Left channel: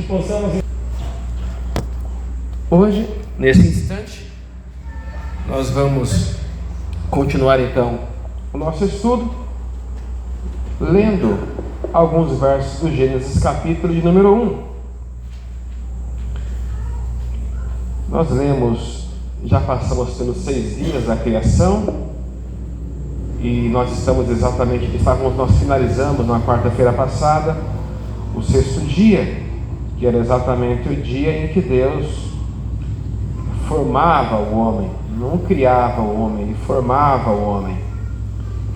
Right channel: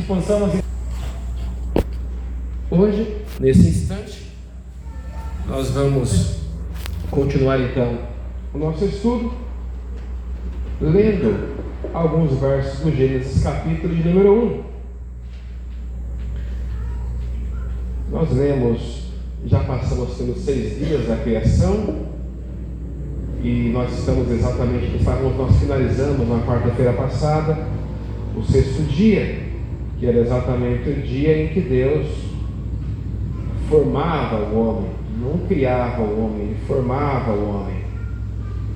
que possamos... Hoje, nesse instante, nós vamos continuar então o nosso estudo, lendo alguns versos do Gênesis capítulo de número 1. Nós lemos, já passamos pelos 6 dias da criação, e nós nós finalizamos na quarta-feira passada, o 6º dia, que era exatamente o dia em que Deus formava o homem, não criava o homem, ele formava o homem.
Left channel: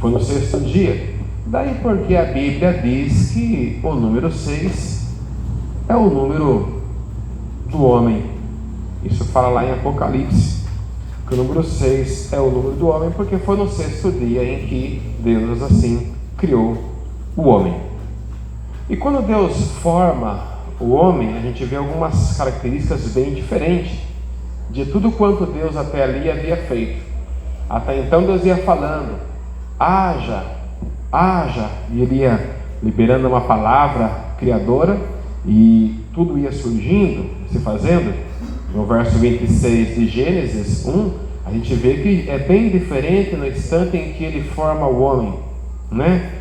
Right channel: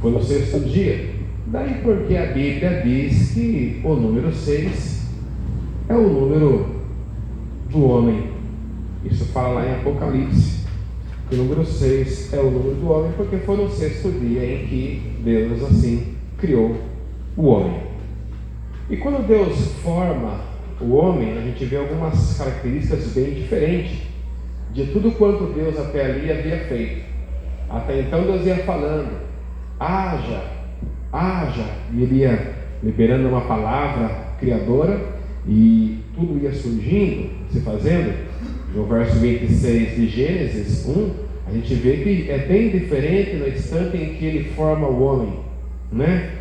Foi no 6º dia. Daí porque a Bíblia diz que o número 6 é o número do homem. Isso fala lá em Apocalipse, que o número 6 é o número do homem, porque foi no 6º dia em que Deus assim criou o homem. E quando Deus forma o homem, a gente vê algumas características bem diferentes de tudo quanto Deus até ali havia feito. Até então Deus ia falando, haja, haja, e ele ia liberando uma palavra criadora, e tudo ia surgindo, se fazendo. No verso 26 de Gênesis 1, a gente vê que é bem diferente no instante em que ele forma o homem, né?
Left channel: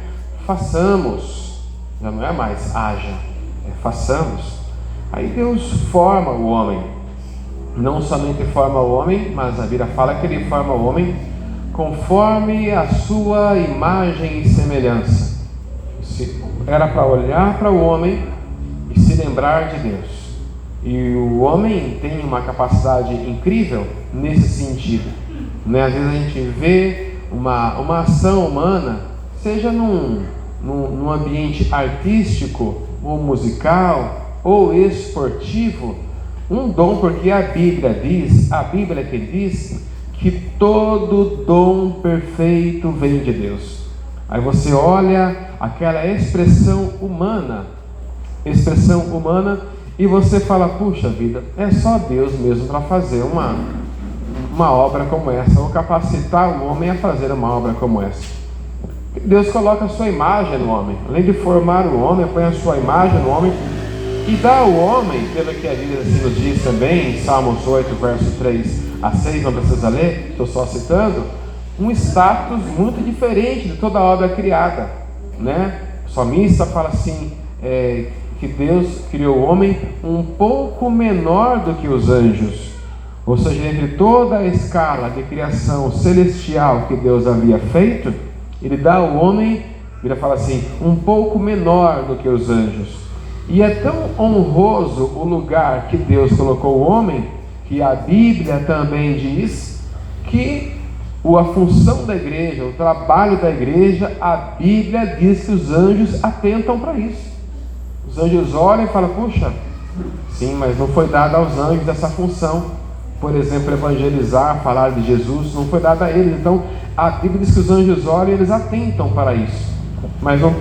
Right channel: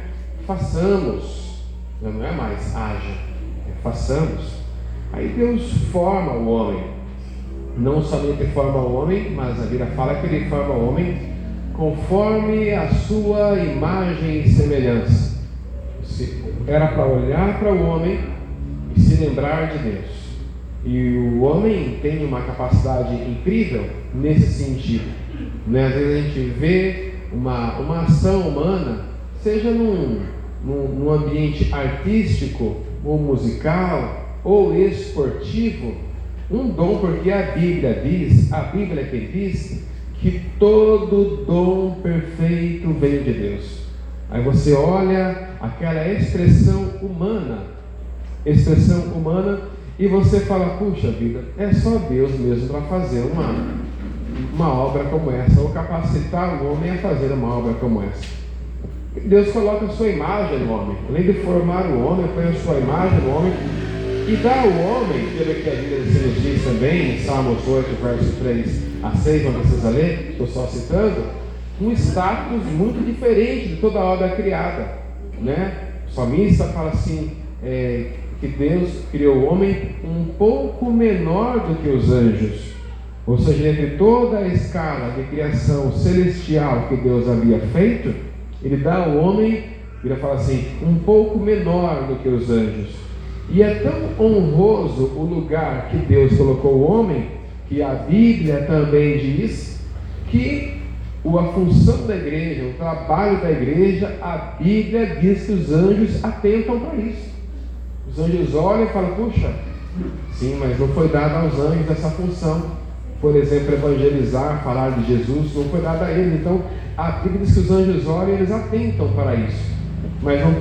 Façamos, já não é mais haja, é façamos. Aí Deus forma o homem. Não somente forma o homem, mas a Bíblia fala que ele forma o homem conforme a sua imagem e semelhança. Era para olhar para o homem e se lembrar de Deus. E o homem tem uma capacidade incrível nesse sentido, né? Às vezes a gente vê uma ação humana, seja num ambiente artístico, ou musical, ou esportivo, um dom, porque a Bíblia que diz que todo dom perfeito vem de Deus. Aí você olha aquela expressão humana, e você fala, puxa vida, é só Deus mesmo para fazer uma obra como essa, ou capacitar o homem a fazer uma obra como essa. Deus coloca a sua imagem no homem, além de formar o homem, põe a sua imagem no homem, e dá ao homem, pelo que a Bíblia assim nos diz também, em Salmos 8, verso 3 a 6, não precisa ler, estou só citando, um status muito diferente de toda a obra criada, né? O salmista fala assim, que Deus criou o homem um pouco menor do que os anjos, ou seja, entre toda a escala de criação celestial que Deus havia feito, ele dá ao homem, ele fala assim, um pouco menor do que os anjos. E é tão honroso o lugar que Deus colocou o homem, que a Bíblia também diz que a função da igreja, o trabalho da igreja, a Bíblia diz que os anjos atentam para isso. Os anjos olham e falam, puxa, sim, mas não foi dada aos anjos essa função. Por exemplo, evangelizar, falar de Jesus, não foi dada a eles. Então, a Bíblia diz que os anjos olham e eles atentam para isso, mas não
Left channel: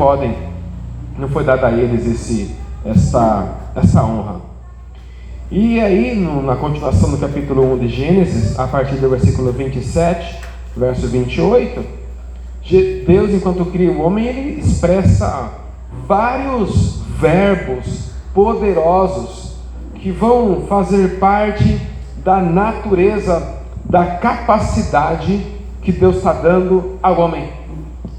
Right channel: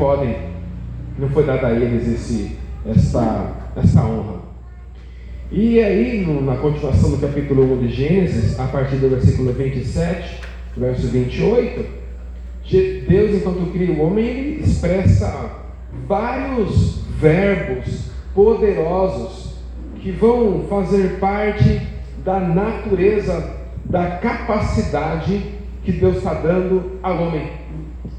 foi dada a eles essa honra. E aí, na continuação do capítulo 1 de Gênesis, a partir do versículo 27, verso 28, Deus, enquanto cria o homem, ele expressa vários verbos poderosos que vão fazer parte da natureza, da capacidade que Deus está dando ao homem.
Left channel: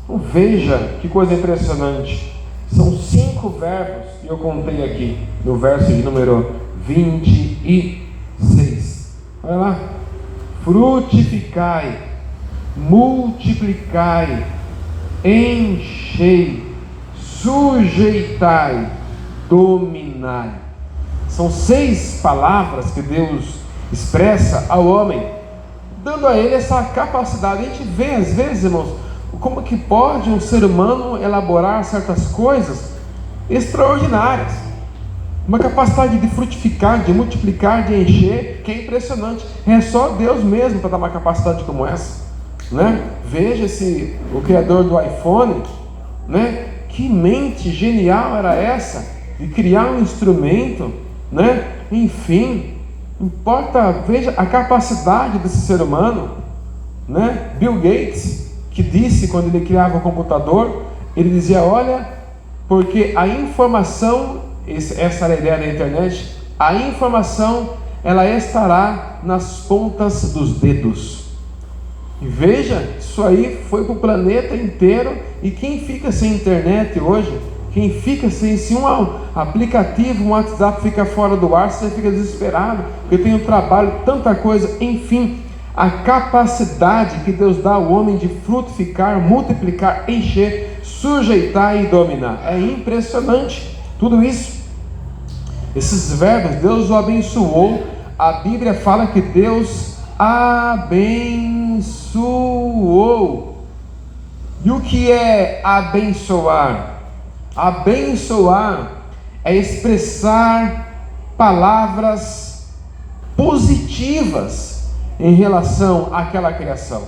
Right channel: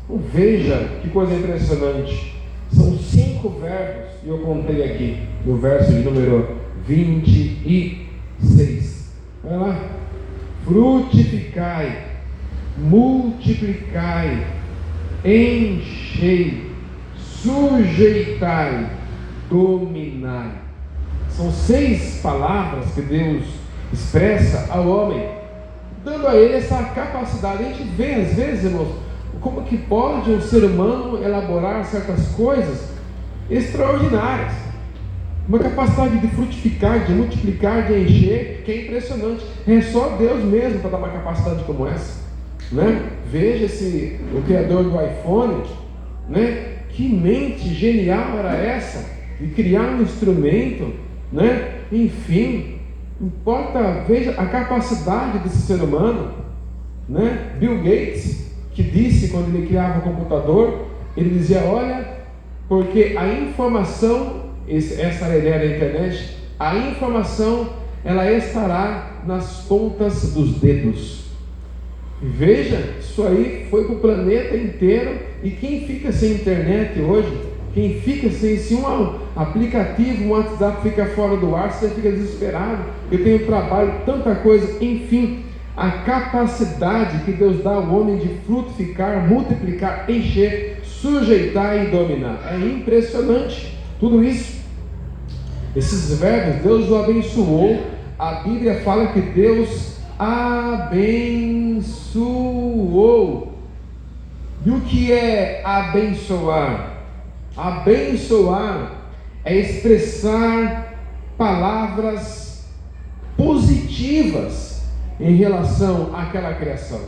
Então, veja que coisa impressionante. São 5 verbos que eu contei aqui no verso de número 26. Olha lá. Frutificai, multiplicai, enchei, sujeitai, dominai. São 6 palavras que Deus expressa ao homem, dando a ele essa capacidade. A gente vê às vezes, irmãos, como que pode um ser humano elaborar certas coisas extraordinárias, uma capacidade de frutificar, de multiplicar, de encher, que é impressionante. É só Deus mesmo para dar uma capacidade como essa, né? Veja o criador do iPhone, né? Que mente genial era essa, de criar um instrumento, né? Enfim, importa, veja a capacidade desse ser humano, né? Bill Gates, que disse quando ele criava o computador, ele dizia, olha, porque a informação essa ideia da internet, a informação ela estará nas pontas dos dedos. E veja, isso aí foi para o planeta inteiro. E quem fica sem internet hoje, quem fica sem, se um aplicativo, um WhatsApp fica fora do ar, você fica desesperado, porque tem o trabalho, tanta coisa, enfim. A capacidade que Deus dá ao homem de frutificar, multiplicar, encher, sujeitar e dominar, é impressionante, tudo isso. Esses verbos, Deus o abençoou. A Bíblia fala que Deus abençoou. E o que é abençoar? Abençoar é expressar palavras positivas em relação àquela criação.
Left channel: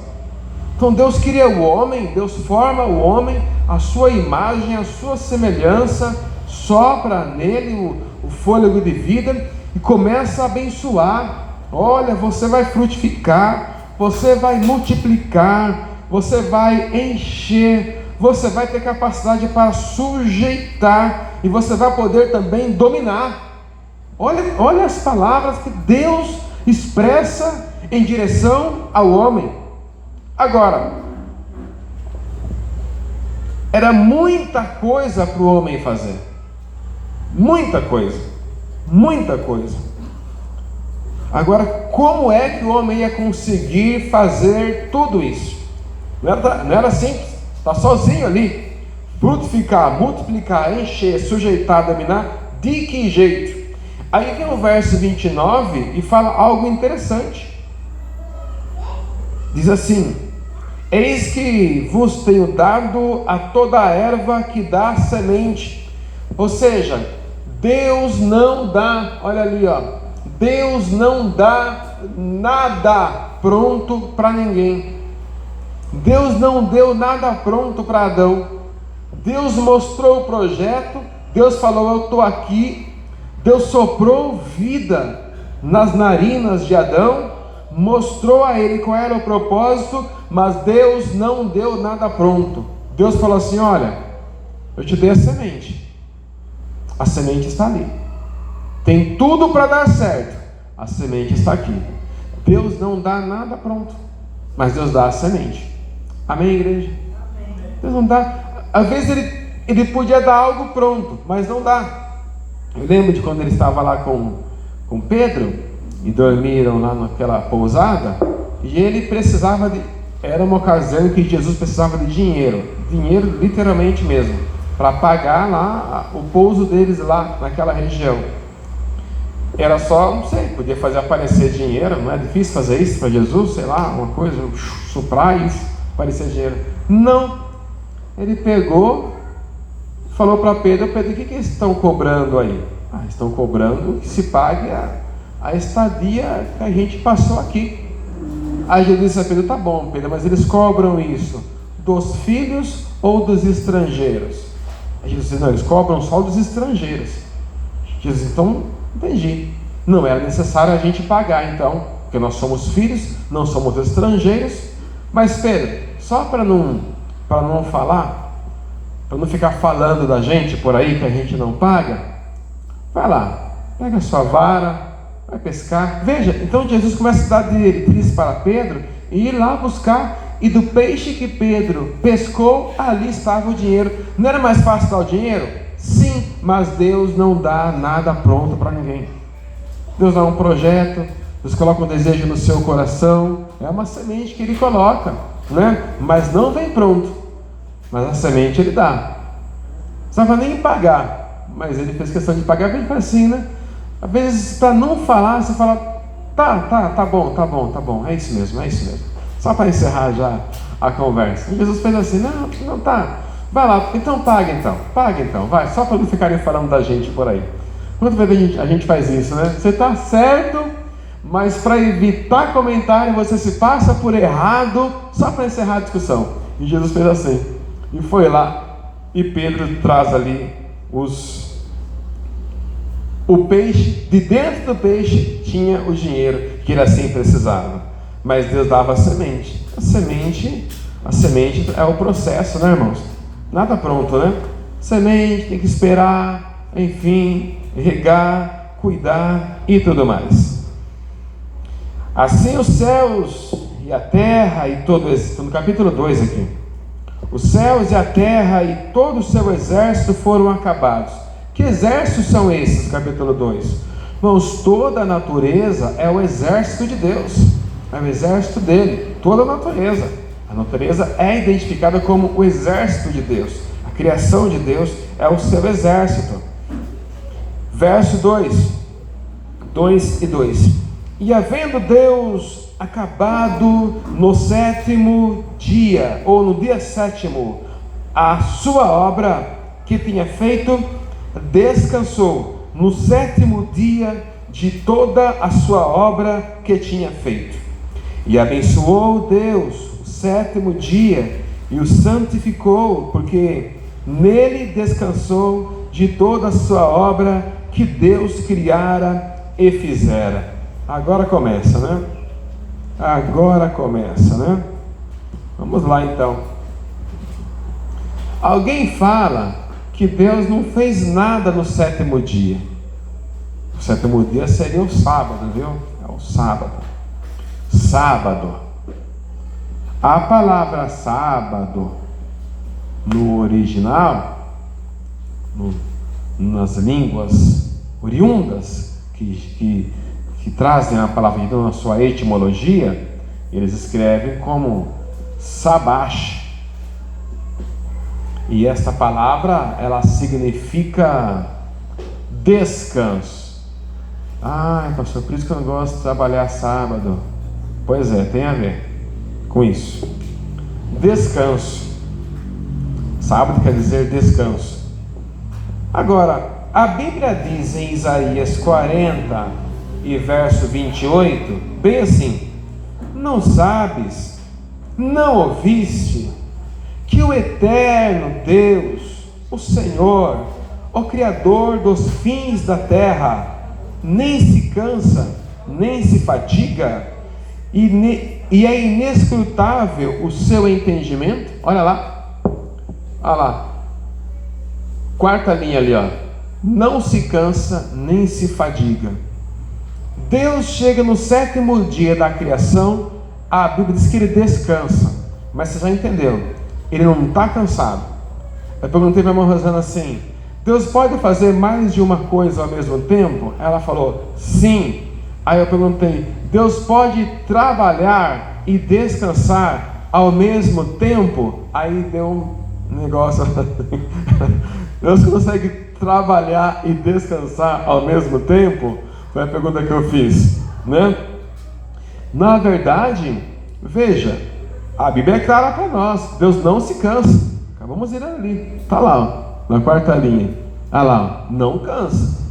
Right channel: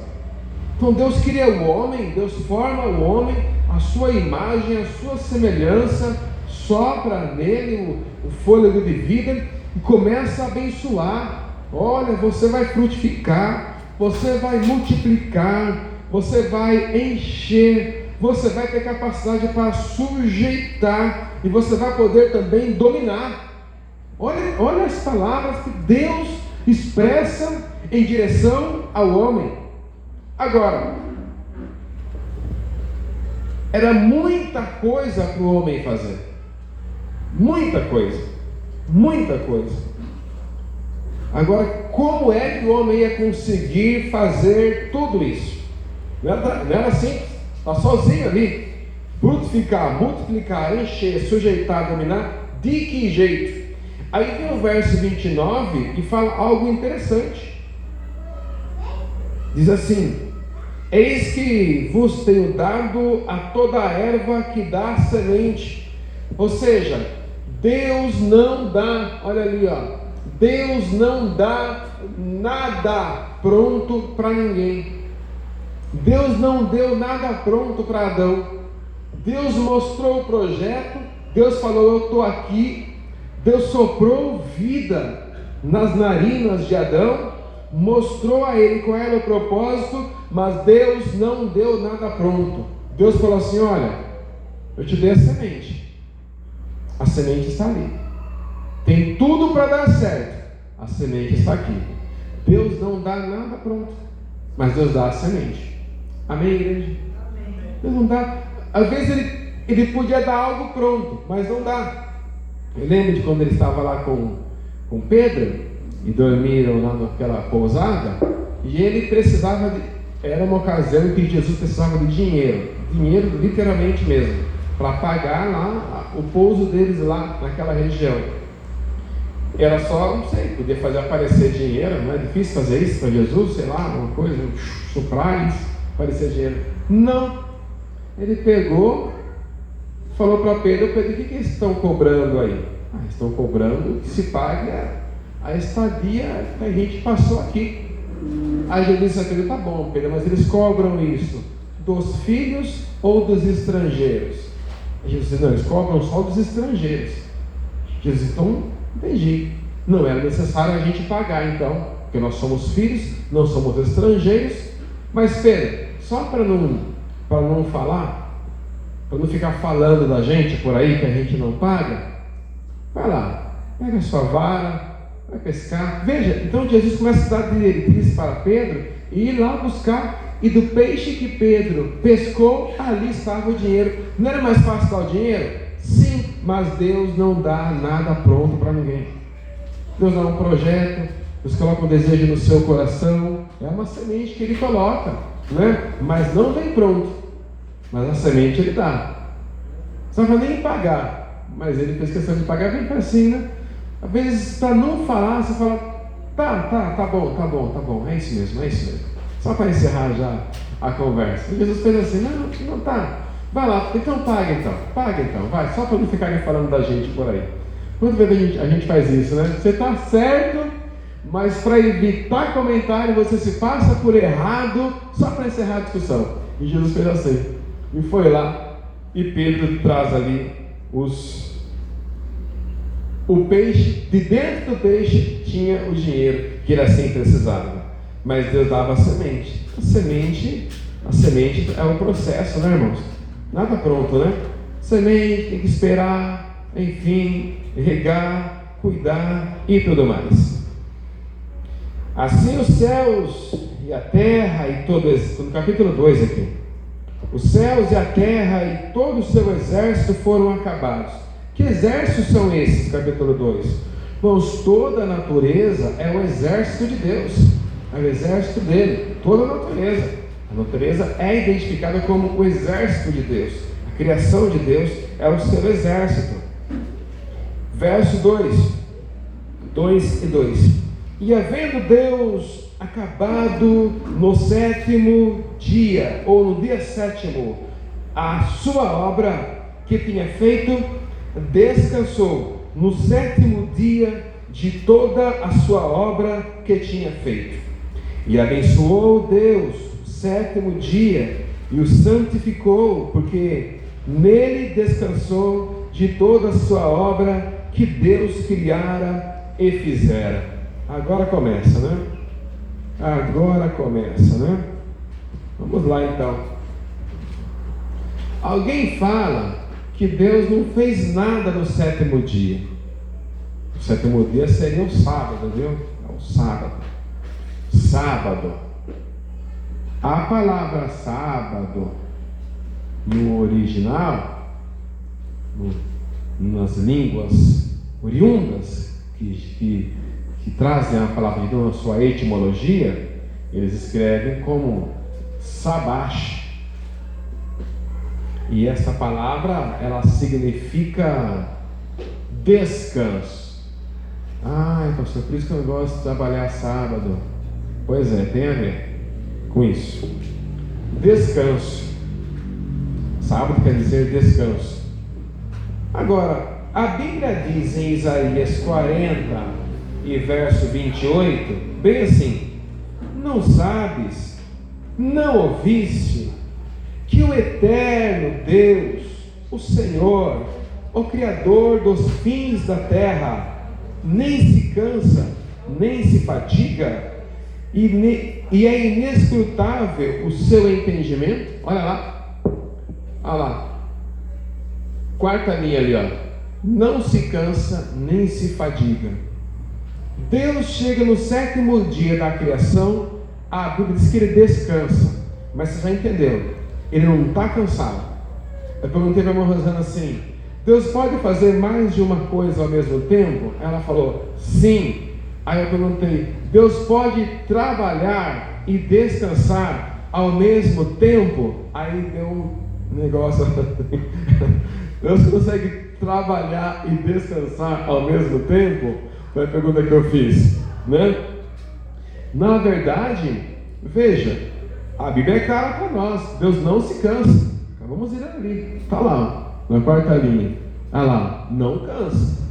Então Deus cria o homem, Deus forma o homem, a sua imagem, a sua semelhança, sopra nele o fôlego de vida e começa a abençoar. Olha, você vai frutificar, você vai multiplicar, você vai encher, você vai ter capacidade para sujeitar e você vai poder também dominar. Olha as palavras que Deus expressa em direção ao homem. Agora, era muita coisa para o homem fazer, muita coisa. Agora, como é que o homem ia conseguir fazer tudo isso? Não era simples, está sozinho ali. Frutificar, multiplicar, encher, sujeitar, dominar, de que jeito? Aí vem o verso 29 e fala algo interessante. Diz assim: eis que vos tenho dado a toda a erva que dá semente. Ou seja, Deus não dá, olha ali, Deus não dá nada pronto para ninguém. Deus não deu nada pronto para Adão. Deus mostrou o projeto, Deus falou: eu estou aqui. Deus soprou vida nas narinas de Adão, mostrou a ele qual era o propósito, mas Deus não deu nada pronto. Deus falou assim: olha, eu te dei a semente está ali, tem tudo para dar certo, a semente está aqui. Deus não dá nada pronto, mas Deus dá a semente. Amém, igreja? Amém. Deus não dá. Às vezes ele podia dar algo pronto, mas não dá. Eu lembro de quando ele estava lá com Pedro e dormiram lá naquela pousada, e ele precisava era uma ocasião em que Jesus precisava de dinheiro literalmente mesmo, para pagar lá o pouso deles lá naquela região. Era só, não sei, podia fazer aparecer dinheiro, não é difícil fazer isso para Jesus, sei lá, uma coisa, soprar isso, aparecer dinheiro. Não, ele pegou, falou para Pedro: Pedro, o que eles estão cobrando aí? Estão cobrando que se pague a estadia que a gente passou aqui. Aí Jesus disse a Pedro: tá bom, Pedro, mas eles cobram isso dos filhos ou dos estrangeiros? Aí Jesus disse: não, eles cobram só dos estrangeiros. Jesus: então, entendi, não era necessário a gente pagar então, porque nós somos filhos, não somos estrangeiros. Mas Pedro, só para não falar, para não ficar falando da gente por aí que a gente não paga, vai lá, pega a sua vara, vai pescar. Veja, então Jesus começa a dar diretriz para Pedro e ir lá buscar. E do peixe que Pedro pescou, ali estava o dinheiro. Não era mais fácil dar o dinheiro? Sim, mas Deus não dá nada pronto para ninguém. Deus dá um projeto, Deus coloca um desejo no seu coração, é uma semente que Ele coloca, né? Mas não vem pronto, mas a semente Ele dá. Não vai nem pagar, mas Ele fez questão de pagar bem assim, né? Às vezes, para não falar, você fala: tá bom, é isso mesmo. Só para encerrar já a conversa. E Jesus fez assim: não tá, vai lá, então paga então, vai, só para não ficarem falando da gente por aí. Quantas vezes a gente faz isso, né? Você está certo, mas para evitar comentário, você se passa por errado, só para encerrar a discussão. E Jesus fez assim, e foi lá, e Pedro traz ali o peixe, de dentro do peixe tinha o dinheiro que ele assim precisava. Mas Deus dava a semente. A semente é o processo, né, irmãos? Nada pronto, né? Semente, tem que esperar, enfim, regar, cuidar e tudo mais. Assim os céus e a terra e todo, no capítulo 2 aqui, os céus e a terra e todo o seu exército foram acabados. Que exércitos são esses, capítulo 2? Irmãos, toda a natureza é o exército de Deus, é o exército dele, toda a natureza. A natureza é identificada como o exército de Deus, a criação de Deus é o seu exército. Verso 2 e 2. E havendo Deus acabado no 7º dia, ou no dia 7º, a sua obra que tinha feito, descansou no 7º dia de toda a sua obra que tinha feito. E abençoou Deus o 7º dia e o santificou, porque nele descansou de toda a sua obra que Deus criara e fizera. Agora começa, né? Vamos lá então. Alguém fala que Deus não fez nada no 7º dia. O 7º dia seria o sábado, viu? É o sábado. Sábado. A palavra sábado, no original, nas línguas oriundas, que trazem a palavra de Deus na sua etimologia, eles escrevem como sabash. E essa palavra, ela significa descanso. Pastor, por isso que eu não gosto de trabalhar sábado. Pois é, tem a ver com isso. Descanso. Sábado quer dizer descanso. Agora, a Bíblia diz em Isaías 40 e verso 28, bem assim: não sabes, não ouviste, que o eterno Deus, o Senhor, o Criador dos fins da terra, nem se cansa, nem se fadiga, e é inescrutável o seu entendimento? Olha lá, quarta linha ali, ó. Não se cansa, nem se fadiga. Deus chega no 7º dia da criação, a Bíblia diz que ele descansa, mas você já entendeu, ele não está cansado. Eu perguntei para a irmã Rosana assim: Deus pode fazer mais de uma coisa ao mesmo tempo? Ela falou, sim. Aí eu perguntei: Deus pode trabalhar e descansar ao mesmo tempo? Aí deu um negócio. Deus consegue trabalhar e descansar ao mesmo tempo? Foi a pergunta que eu fiz, né? Na verdade, veja, a Bíblia é clara para nós: Deus não se cansa. Vamos ir ali, está lá, na quarta linha. Olha lá, não cansa.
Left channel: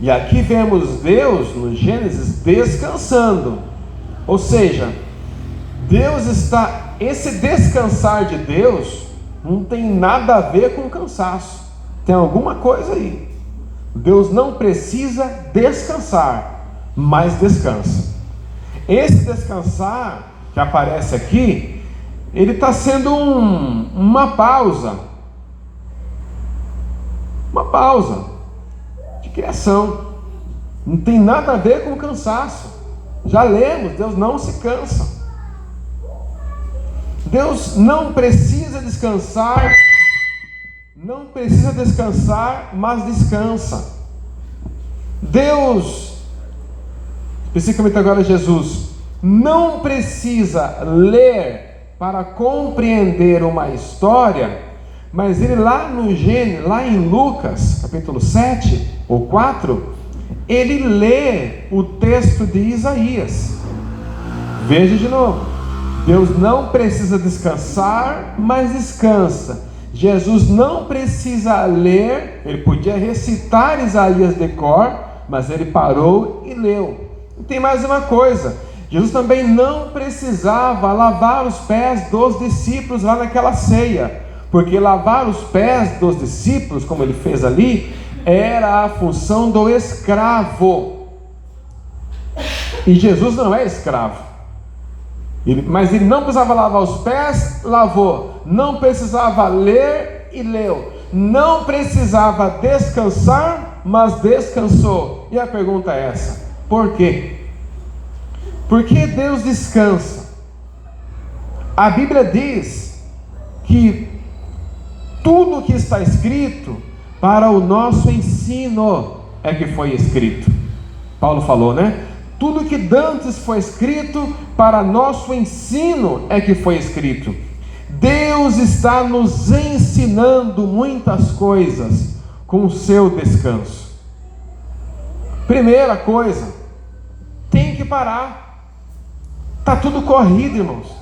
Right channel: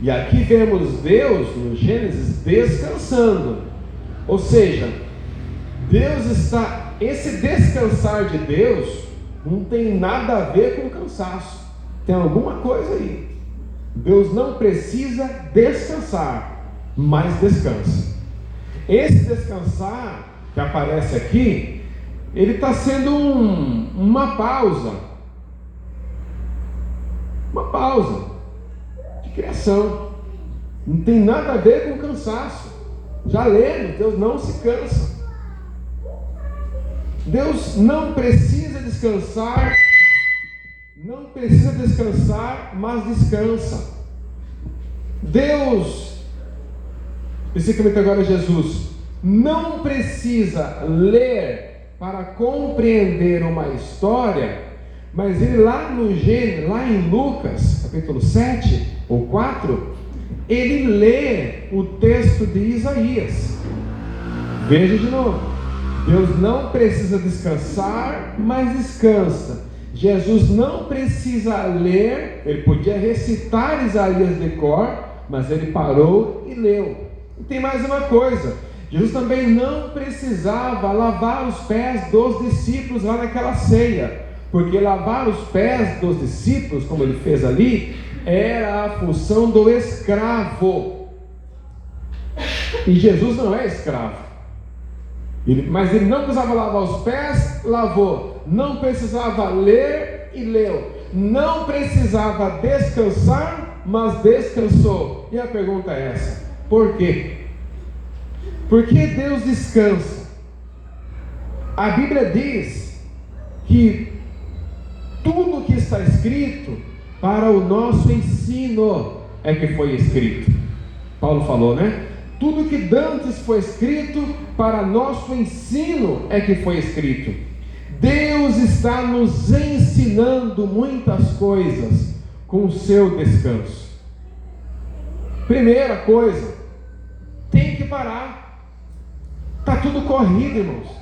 E aqui vemos Deus, no Gênesis, descansando. Ou seja, Deus está... Esse descansar de Deus não tem nada a ver com cansaço. Tem alguma coisa aí. Deus não precisa descansar, mas descansa. Esse descansar que aparece aqui, ele está sendo uma pausa. Uma pausa de criação. Não tem nada a ver com cansaço. Já lemos, Deus não se cansa. Deus não precisa descansar. Não precisa descansar, mas descansa. Deus, especificamente agora Jesus, não precisa ler para compreender uma história, mas ele lá no Gênesis, lá em Lucas, capítulo 7 ou 4, ele lê o texto de Isaías. Veja de novo: Deus não precisa descansar, mas descansa. Jesus não precisa ler, ele podia recitar Isaías de cor, mas ele parou e leu. E tem mais uma coisa: Jesus também não precisava lavar os pés dos discípulos lá naquela ceia, porque lavar os pés dos discípulos, como ele fez ali, era a função do escravo. E Jesus não é escravo. Mas ele não precisava lavar os pés, lavou. Não precisava ler e leu. Não precisava descansar, mas descansou. E a pergunta é essa: por quê? Por que Deus descansa? A Bíblia diz que tudo que está escrito para o nosso ensino é que foi escrito. Paulo falou, né? Tudo que dantes foi escrito para nosso ensino é que foi escrito. Deus está nos ensinando muitas coisas com o seu descanso. Primeira coisa, tem que parar. Está tudo corrido, irmãos.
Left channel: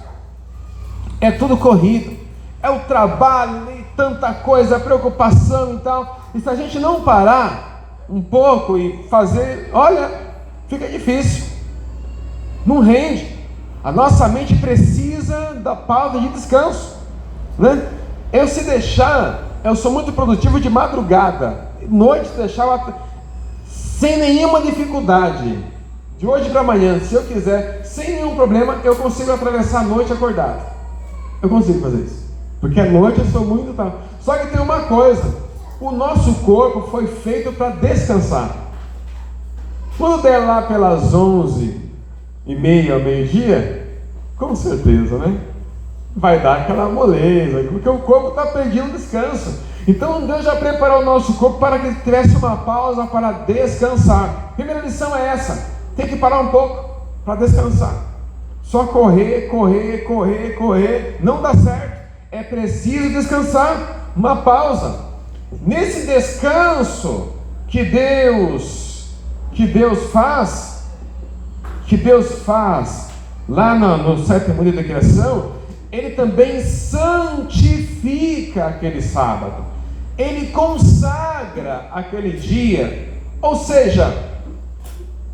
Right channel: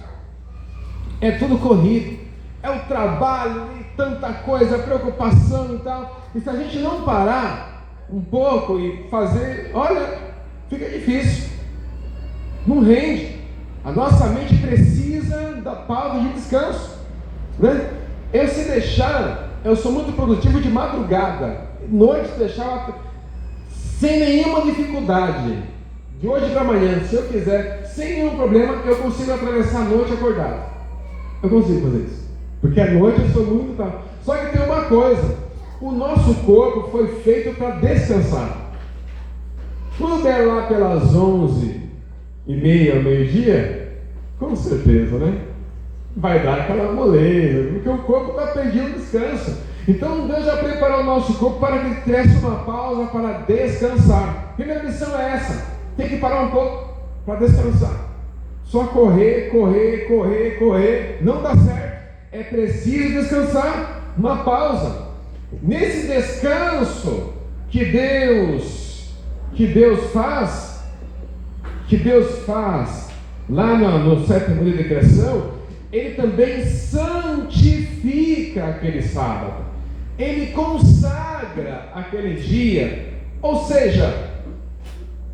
É tudo corrido. É o trabalho e tanta coisa, preocupação e tal. E se a gente não parar um pouco e fazer, olha, fica difícil. Não rende. A nossa mente precisa da pausa de descanso, né? Eu, se deixar, eu sou muito produtivo de madrugada. Noite, deixar sem nenhuma dificuldade. De hoje para amanhã, se eu quiser, sem nenhum problema, eu consigo atravessar a noite acordado. Eu consigo fazer isso. Porque à noite eu sou muito tarde. Só que tem uma coisa: o nosso corpo foi feito para descansar. Quando der lá pelas 11h30 ao meio-dia, com certeza, né? Vai dar aquela moleza, porque o corpo está pedindo descanso. Então Deus já preparou o nosso corpo para que tivesse uma pausa para descansar. Primeira lição é essa: tem que parar um pouco para descansar. Só correr, não dá certo. É preciso descansar, uma pausa. Nesse descanso que Deus faz lá no sétimo dia da criação, Ele também santifica aquele sábado. Ele consagra aquele dia. Ou seja,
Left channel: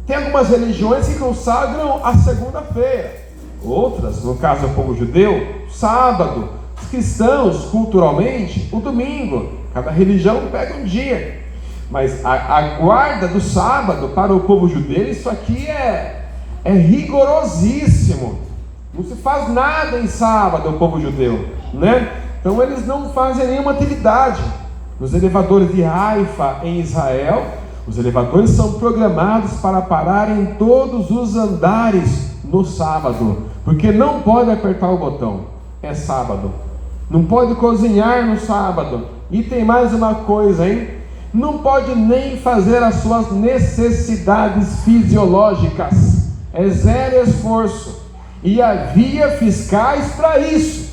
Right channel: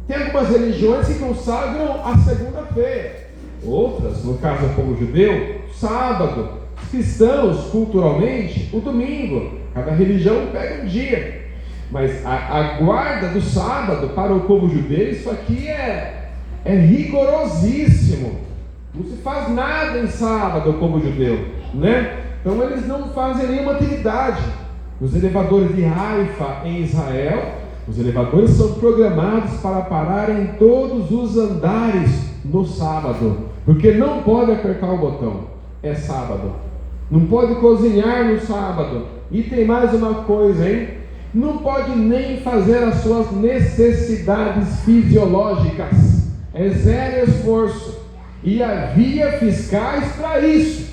tem algumas religiões que consagram a segunda-feira, outras, no caso do povo judeu, sábado. Os cristãos, culturalmente, o domingo. Cada religião pega um dia. Mas a guarda do sábado para o povo judeu, isso aqui é rigorosíssimo. Não se faz nada em sábado, o povo judeu, né? Então eles não fazem nenhuma atividade. Os elevadores de Haifa em Israel, os elevadores são programados para parar em todos os andares no sábado, porque não pode apertar o botão, é sábado. Não pode cozinhar no sábado. E tem mais uma coisa, hein? Não pode nem fazer as suas necessidades fisiológicas. É zero esforço. E havia fiscais para isso.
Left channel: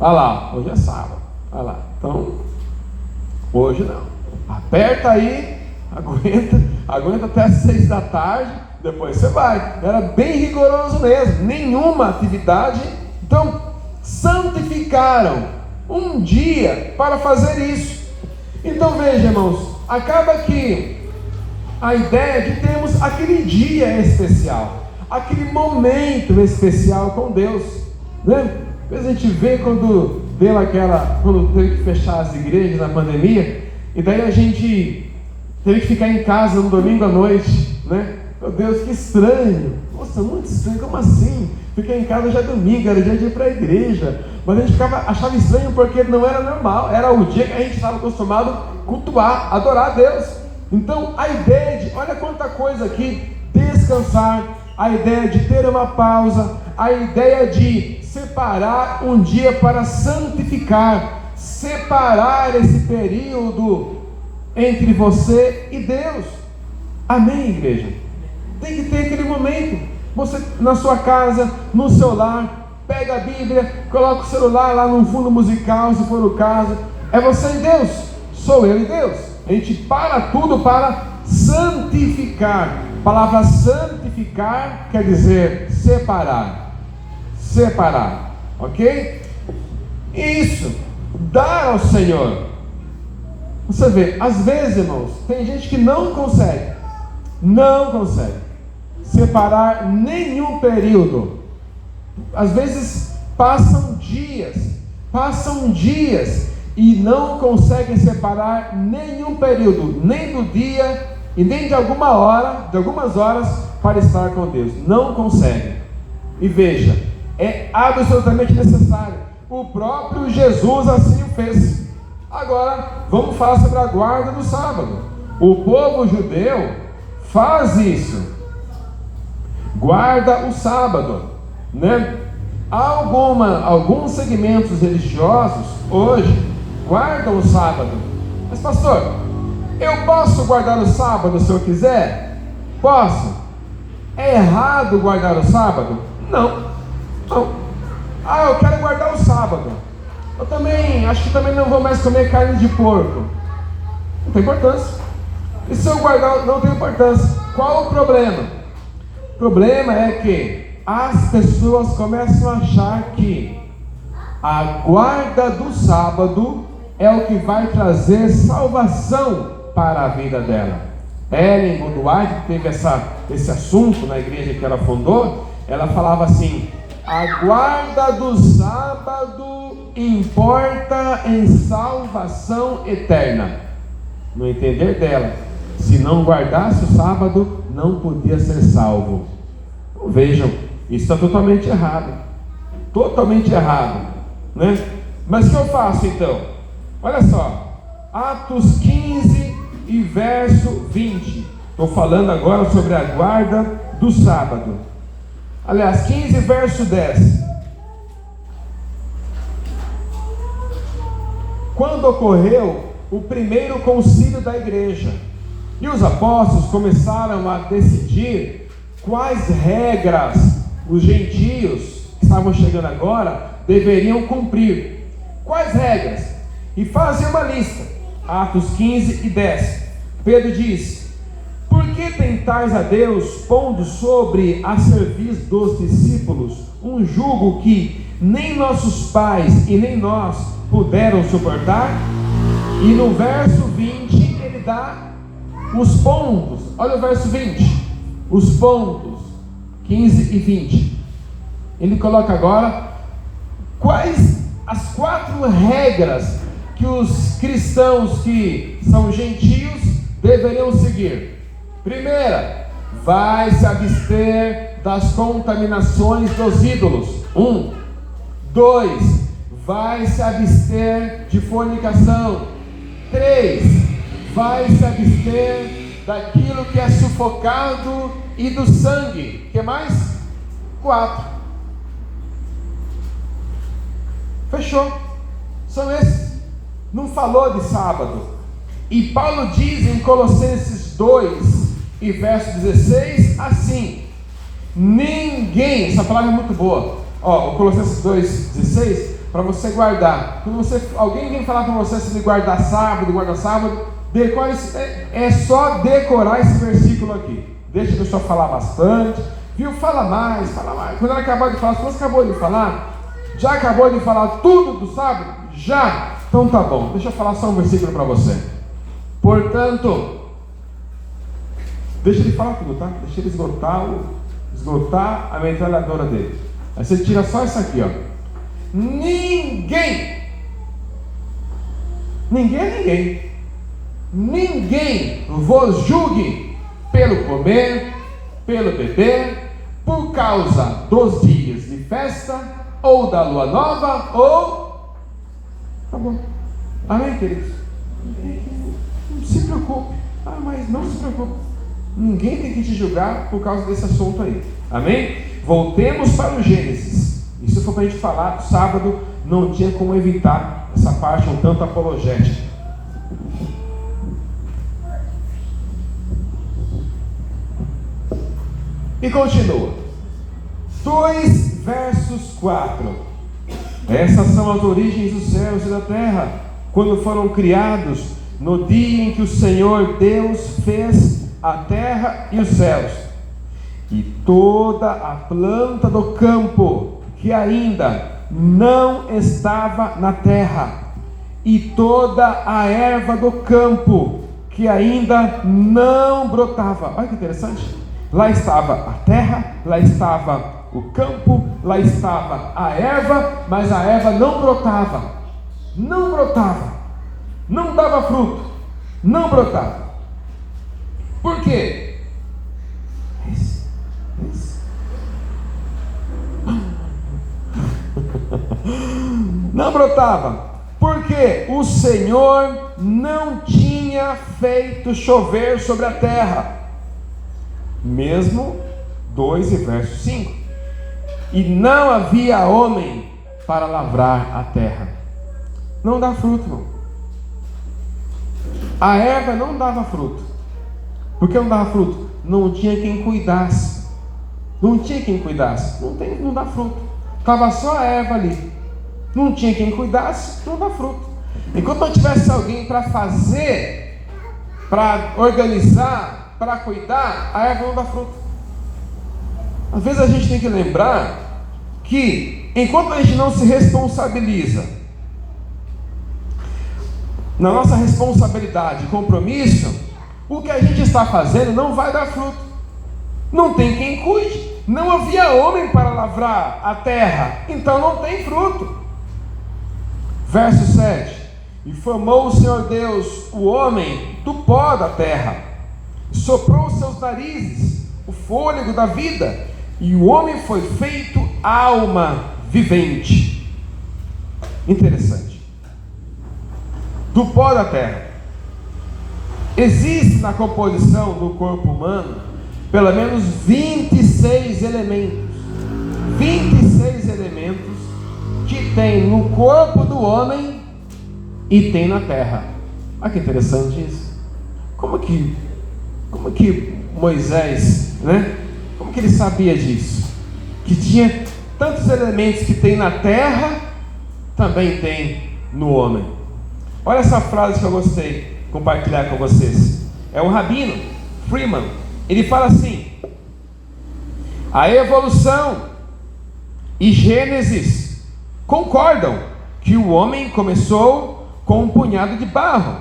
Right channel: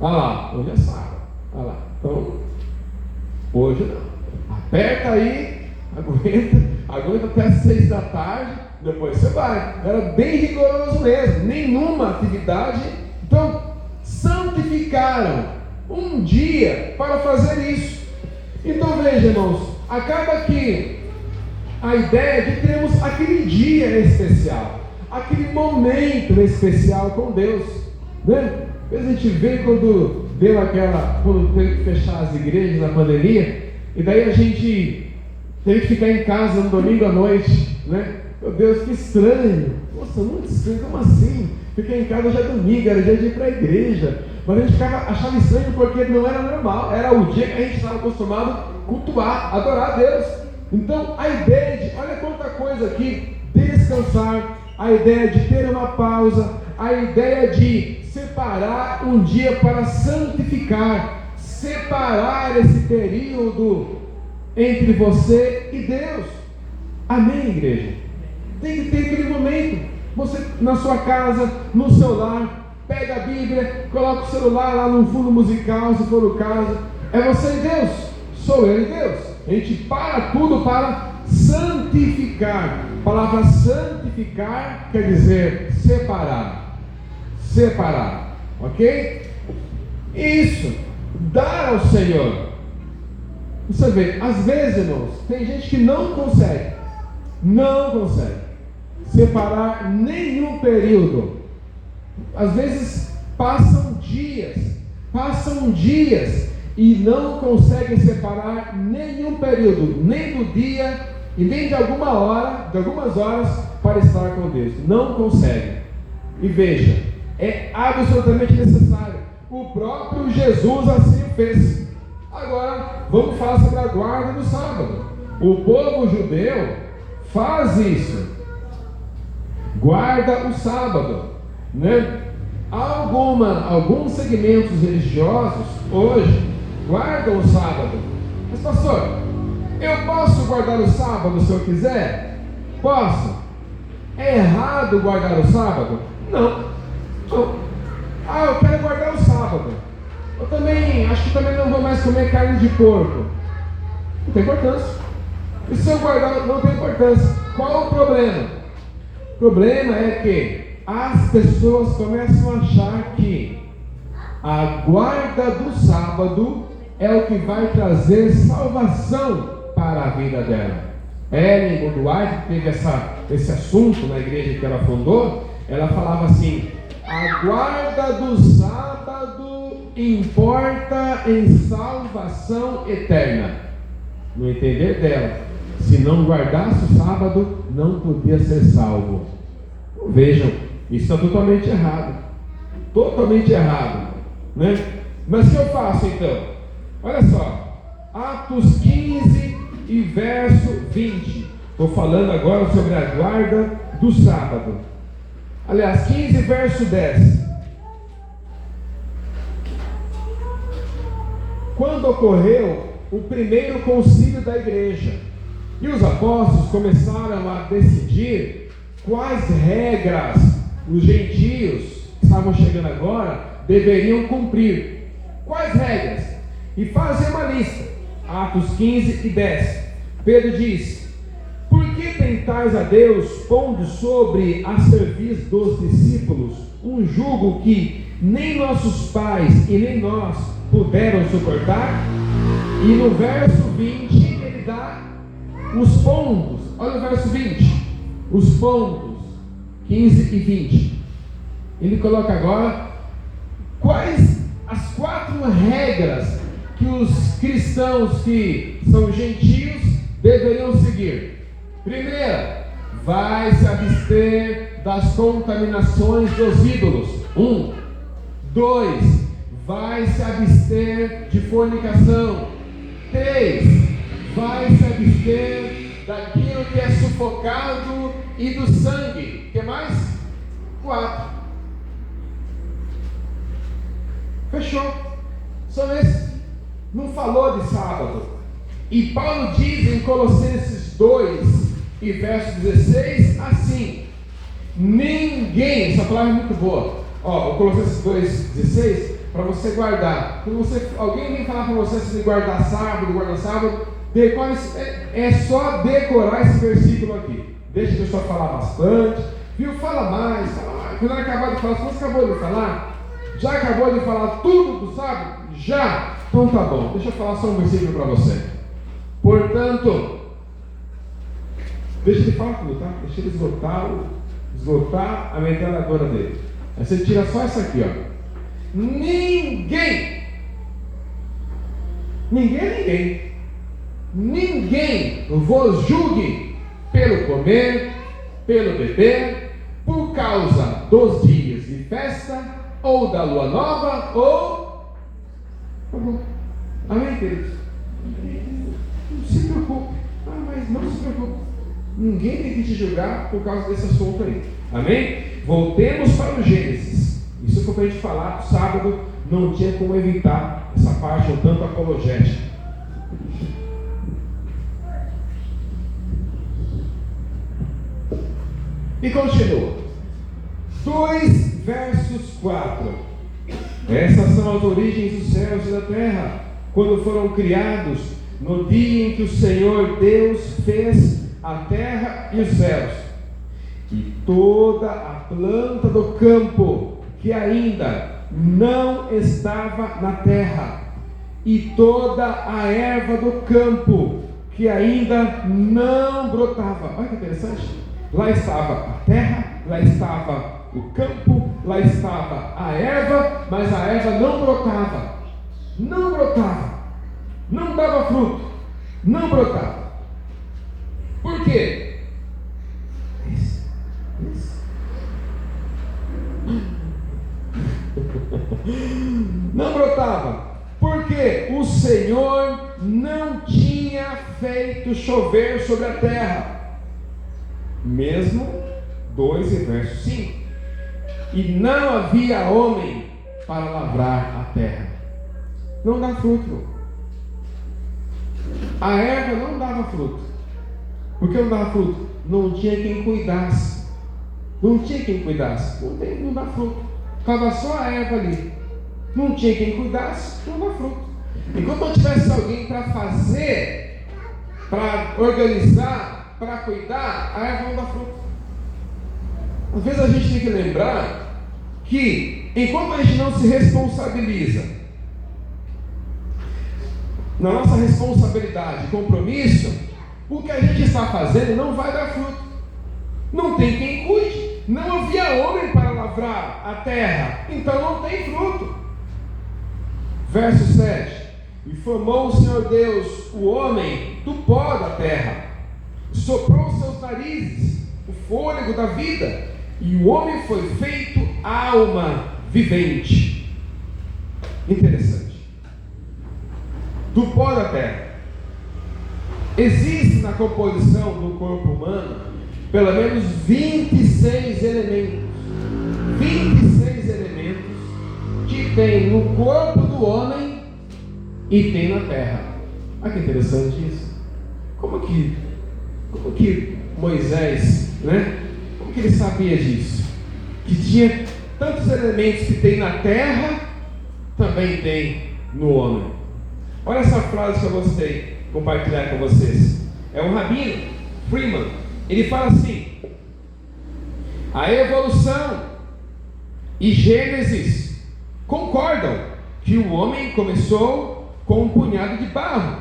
Olha lá, hoje é sábado. Olha lá. Então, hoje não. Aperta aí, aguenta até as 6 da tarde, depois você vai. Era bem rigoroso mesmo. Nenhuma atividade. Então, santificaram um dia para fazer isso. Então veja, irmãos, acaba que a ideia de termos aquele dia especial, aquele momento especial com Deus, né? Às vezes a gente vê quando teve que fechar as igrejas na pandemia, e daí a gente teve que ficar em casa no domingo à noite, né? Meu Deus, que estranho. Nossa, muito estranho, como assim? Ficar em casa já é domingo, era dia de ir para a igreja. Mas a gente achava estranho porque não era normal. Era o dia que a gente estava acostumado a cultuar, adorar a Deus. Então a ideia de, olha quanta coisa aqui, descansar, a ideia de ter uma pausa, a ideia de separar um dia para santificar, separar esse período entre você e Deus. Amém, igreja? Tem que ter aquele momento. Você na sua casa, no seu lar, pega a Bíblia, coloca o celular lá no fundo musical, se for o caso. É você e Deus, sou eu e Deus. A gente para tudo para santificar. A palavra santificar quer dizer separar. Separar, ok? Isso, dar ao Senhor. Você vê, às vezes, irmãos, tem gente que não consegue separar nenhum período. Às vezes passam dias e não conseguem separar nenhum período, nem do dia e nem de algumas horas para estar com Deus. Não conseguem. E veja, é absolutamente necessário. O próprio Jesus assim o fez. Agora, vamos falar sobre a guarda do sábado. O povo judeu faz isso, guarda o sábado, né? Alguns segmentos religiosos hoje guardam o sábado. Mas pastor, eu posso guardar o sábado se eu quiser? Posso. É errado guardar o sábado? Não. Eu quero guardar o sábado. Eu também, acho que também não vou mais comer carne de porco. Não tem importância. E se eu guardar, não tem importância. Qual o problema? O problema é que as pessoas começam a achar que a guarda do sábado é o que vai trazer salvação para a vida dela. Ellen Goodwhite, que teve esse assunto na igreja que ela fundou, ela falava assim: a guarda do sábado importa em salvação eterna. No entender dela, se não guardasse o sábado, não podia ser salvo. Então, vejam, isso está totalmente errado. Totalmente errado, né? Mas o que eu faço então? Olha só, Atos 15 e verso 20. Estou falando agora sobre a guarda do sábado. Aliás, 15 verso 10. Quando ocorreu o primeiro concílio da igreja, e os apóstolos começaram a decidir quais regras os gentios que estavam chegando agora deveriam cumprir. Quais regras? E fazem uma lista. Atos 15 e 10. Pedro diz: por que tentais a Deus, pondo sobre a serviço dos discípulos um jugo que nem nossos pais e nem nós puderam suportar? E no verso 20 ele dá os pontos. Olha o verso 20, os pontos 15 e 20. Ele coloca agora quais as 4 regras que os cristãos que são gentios deveriam seguir. Primeira, vai se abster das contaminações dos ídolos. 1. 2, vai se abster de fornicação. 3, vai se abster daquilo que é sufocado e do sangue. O que mais? 4. Fechou. São esses. Não falou de sábado. E Paulo diz em Colossenses 2 e verso 16 assim: ninguém, essa palavra é muito boa. Colossenses 2,16, para você guardar. Quando alguém vem falar para você se guardar sábado, decore é só decorar esse versículo aqui. Deixa a pessoa falar bastante, viu? Fala mais. Quando ela acabar de falar, se você acabou de falar, já acabou de falar tudo do sábado? Já? Então tá bom, deixa eu falar só um versículo para você. Portanto, deixa ele falar tudo, tá? Deixa ele esgotar a metralhadora dele. Aí você tira só isso aqui, ó. Ninguém vos julgue pelo comer, pelo beber, por causa dos dias de festa, ou da lua nova, ou... Tá bom. Amém, queridos? Não se preocupe. Mas não se preocupe. Ninguém tem que te julgar por causa desse assunto aí. Amém? Voltemos para o Gênesis. Isso foi para a gente falar que sábado não tinha como evitar essa parte um tanto apologética. E continua. 2 versos 4. Essas são as origens dos céus e da terra, quando foram criados, no dia em que o Senhor Deus fez a terra e os céus, e toda a planta do campo que ainda não estava na terra, e toda a erva do campo que ainda não brotava. Olha que interessante. Lá estava a terra, lá estava o campo, lá estava a erva, mas a erva não brotava, não dava fruto, não brotava. Por quê? Não brotava, porque o Senhor não tinha feito chover sobre a terra. Mesmo 2 e verso 5. E não havia homem para lavrar a terra. Não dá fruto, não. A erva não dava fruto. Por que não dava fruto? Não tinha quem cuidasse. Não tinha quem cuidasse. Não dá fruto. Estava só a erva ali. Não tinha quem cuidasse, não dá fruto. Enquanto não tivesse alguém para fazer, para organizar, para cuidar, a erva não dá fruto. Às vezes a gente tem que lembrar que enquanto a gente não se responsabiliza na nossa responsabilidade e compromisso, o que a gente está fazendo não vai dar fruto. Não tem quem cuide. Não havia homem para lavrar a terra, então não tem fruto. Verso 7. E formou o Senhor Deus o homem do pó da terra, soprou os seus narizes o fôlego da vida, e o homem foi feito alma vivente. Interessante. Do pó da terra. Existe na composição do corpo humano pelo menos 26 elementos. 26 elementos que tem no corpo do homem e tem na terra. Olha que interessante isso. Como que Moisés, né? Como que ele sabia disso? Que tinha tantos elementos que tem na terra, também tem no homem. Olha essa frase que eu gostei de compartilhar com vocês. É o Rabino Freeman. Ele fala assim: a evolução e Gênesis concordam que o homem começou com um punhado de barro.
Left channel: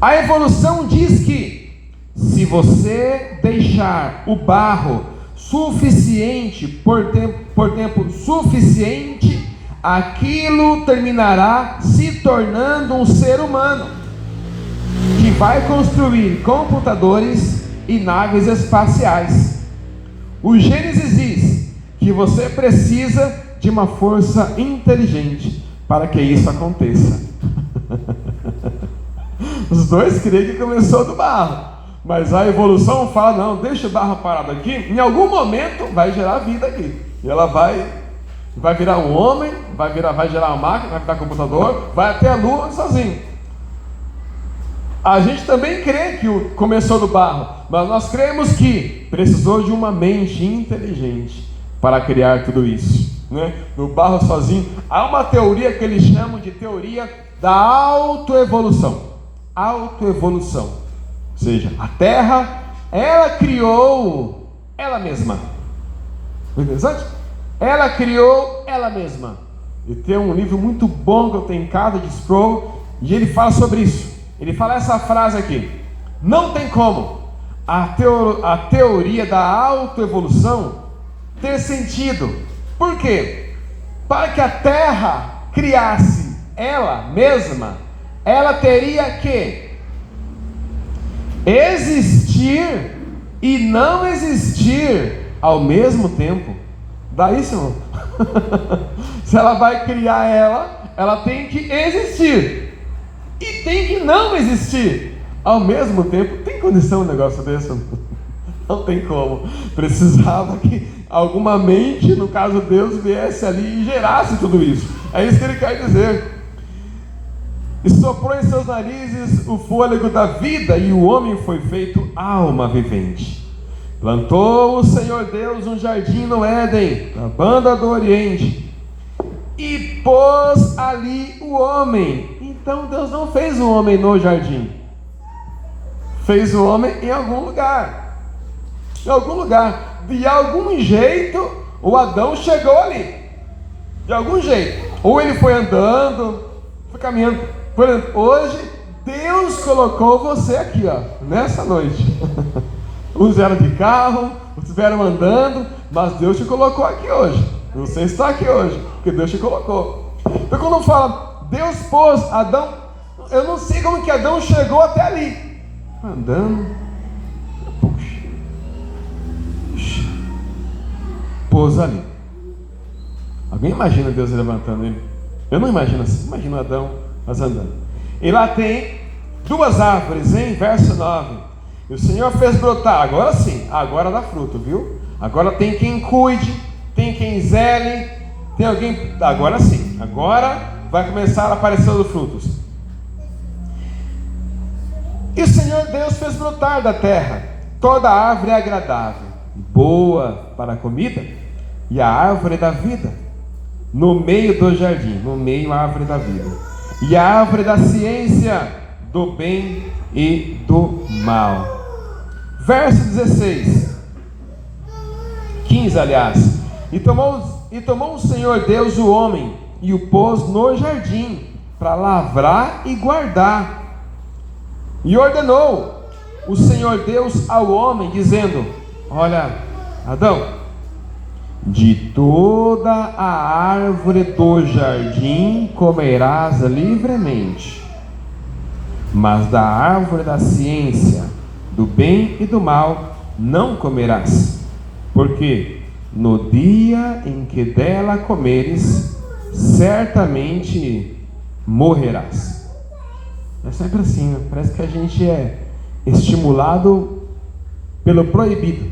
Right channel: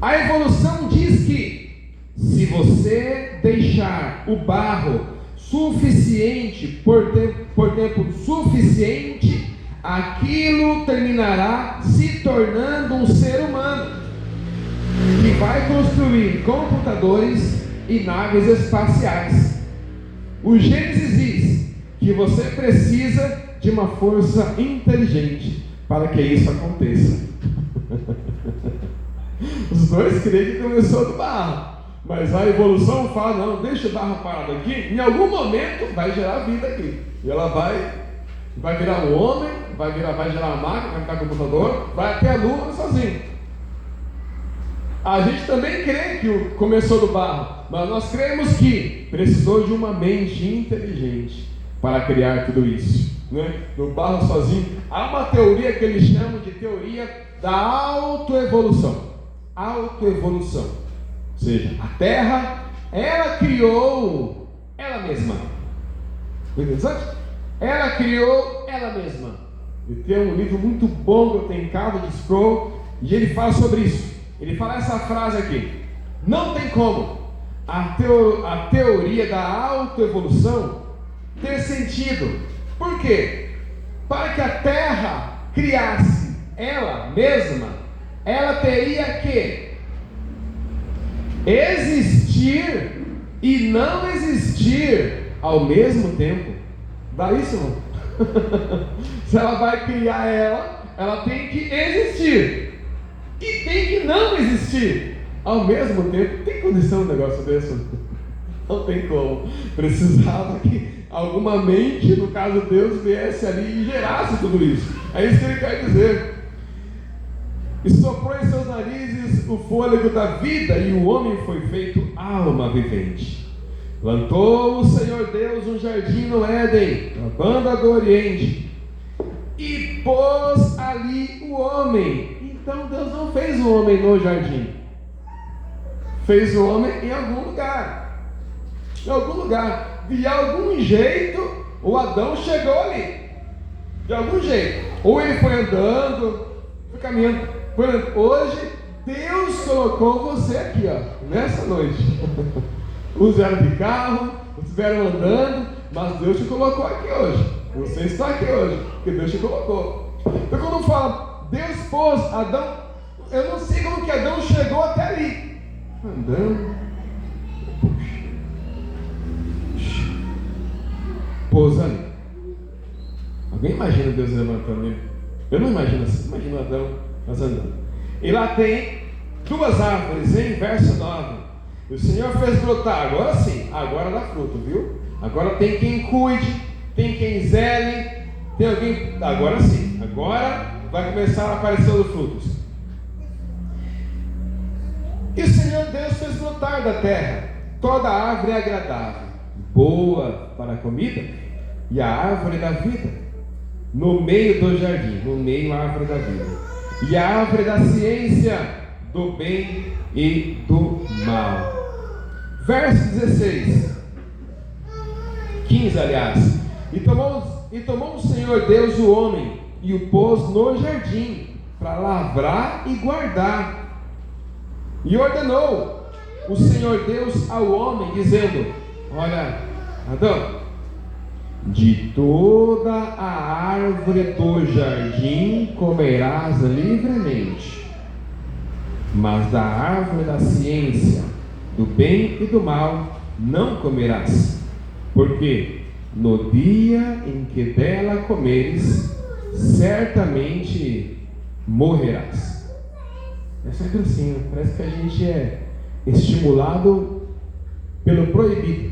A evolução diz que se você deixar o barro suficiente por tempo suficiente, aquilo terminará se tornando um ser humano que vai construir computadores e naves espaciais. O Gênesis diz que você precisa de uma força inteligente para que isso aconteça. Os dois creem que começou do barro, mas a evolução fala: não, deixa o barro parado aqui, em algum momento vai gerar vida aqui, e ela vai virar um homem, vai gerar uma máquina, vai virar um computador, vai até a lua sozinho. A gente também crê que começou do barro, mas nós cremos que precisou de uma mente inteligente para criar tudo isso, né? No barro sozinho. Há uma teoria que eles chamam de teoria da autoevolução. Autoevolução. Ou seja, a Terra, ela criou ela mesma. Interessante? Ela criou ela mesma. E tem um livro muito bom que eu tenho em casa, de Scroll, e ele fala sobre isso. Ele fala essa frase aqui: não tem como a teoria da autoevolução ter sentido. Por quê? Para que a Terra criasse ela mesma, ela teria que existir e não existir ao mesmo tempo. Dá isso, irmão? Se ela vai criar ela tem que existir e tem que não existir ao mesmo tempo. Tem condição um negócio desse? Não tem como. Precisava que alguma mente, no caso Deus, viesse ali e gerasse tudo isso. É isso que ele quer dizer. E soprou em seus narizes o fôlego da vida, e o homem foi feito alma vivente. Plantou o Senhor Deus um jardim no Éden, na banda do Oriente, e pôs ali o homem. Então Deus não fez o homem no jardim, fez o homem em algum lugar. Em algum lugar. De algum jeito o Adão chegou ali. De algum jeito. Ou ele foi andando, foi caminhando. Hoje Deus colocou você aqui, ó, nessa noite. Uns vieram de carro, outros vieram andando, mas Deus te colocou aqui hoje. Você está aqui hoje, porque Deus te colocou. Então quando fala Deus pôs Adão, eu não sei como que Adão chegou até ali. Andando, puxa, pôs ali. Alguém imagina Deus levantando ele? Eu não imagino assim. Imagina Adão, mas andando. E lá tem duas árvores, hein? Verso 9. E o Senhor fez brotar, agora sim, agora dá fruto, viu? Agora tem quem cuide, tem quem zele, tem alguém, agora sim, agora vai começar a aparecer os frutos. E o Senhor Deus fez brotar da terra toda árvore agradável, boa para a comida, e a árvore da vida, no meio do jardim, no meio a árvore da vida, e a árvore da ciência, do bem e do mal. Verso 16, 15 aliás. E tomou o Senhor Deus o homem, e o pôs no jardim, para lavrar e guardar. E ordenou o Senhor Deus ao homem, dizendo: olha, Adão, de toda a árvore do jardim comerás livremente, mas da árvore da ciência, do bem e do mal, não comerás, porque no dia em que dela comeres, certamente morrerás. É sempre assim, né? Parece que a gente é estimulado pelo proibido.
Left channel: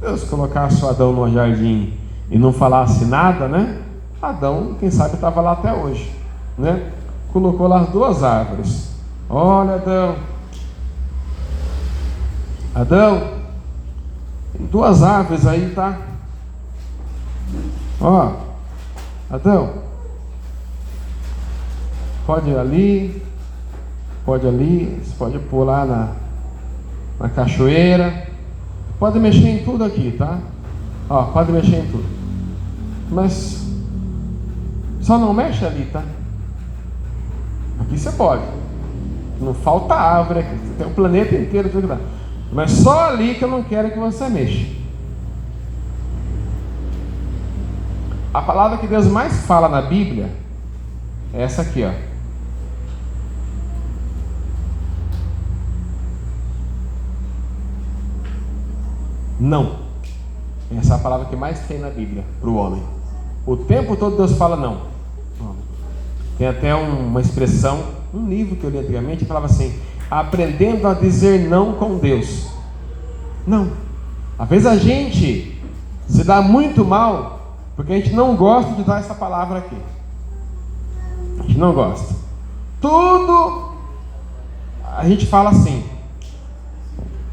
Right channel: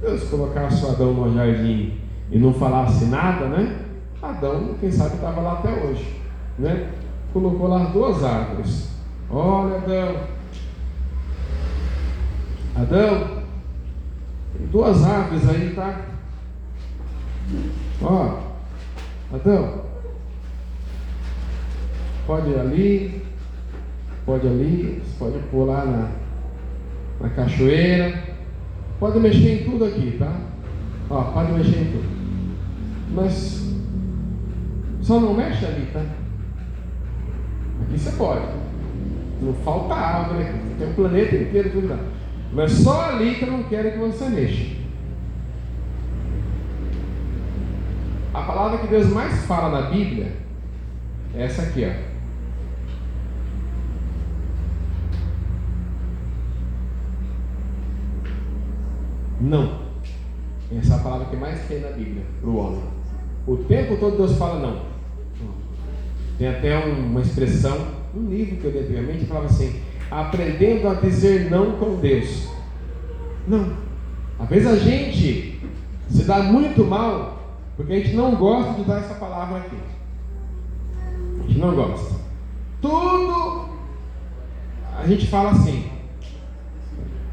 Deus colocasse o Adão no jardim e não falasse nada, né? Adão, quem sabe, estava lá até hoje, né? Colocou lá as duas árvores. Olha, Adão, tem duas árvores aí, tá? Ó, Adão, pode ir ali, você pode pular na cachoeira, pode mexer em tudo aqui, tá? Ó, pode mexer em tudo, mas só não mexe ali, tá? Aqui você pode, não falta árvore aqui, tem o planeta inteiro, tudo lá. Mas só ali que eu não quero que você mexa. A palavra que Deus mais fala na Bíblia é essa aqui, ó. Não. Essa é a palavra que mais tem na Bíblia para o homem. O tempo todo Deus fala não. Tem até uma expressão, um livro que eu li antigamente, que falava assim: aprendendo a dizer não com Deus. Não. Às vezes a gente se dá muito mal porque a gente não gosta de dar essa palavra aqui. A gente não gosta. Tudo a gente fala assim:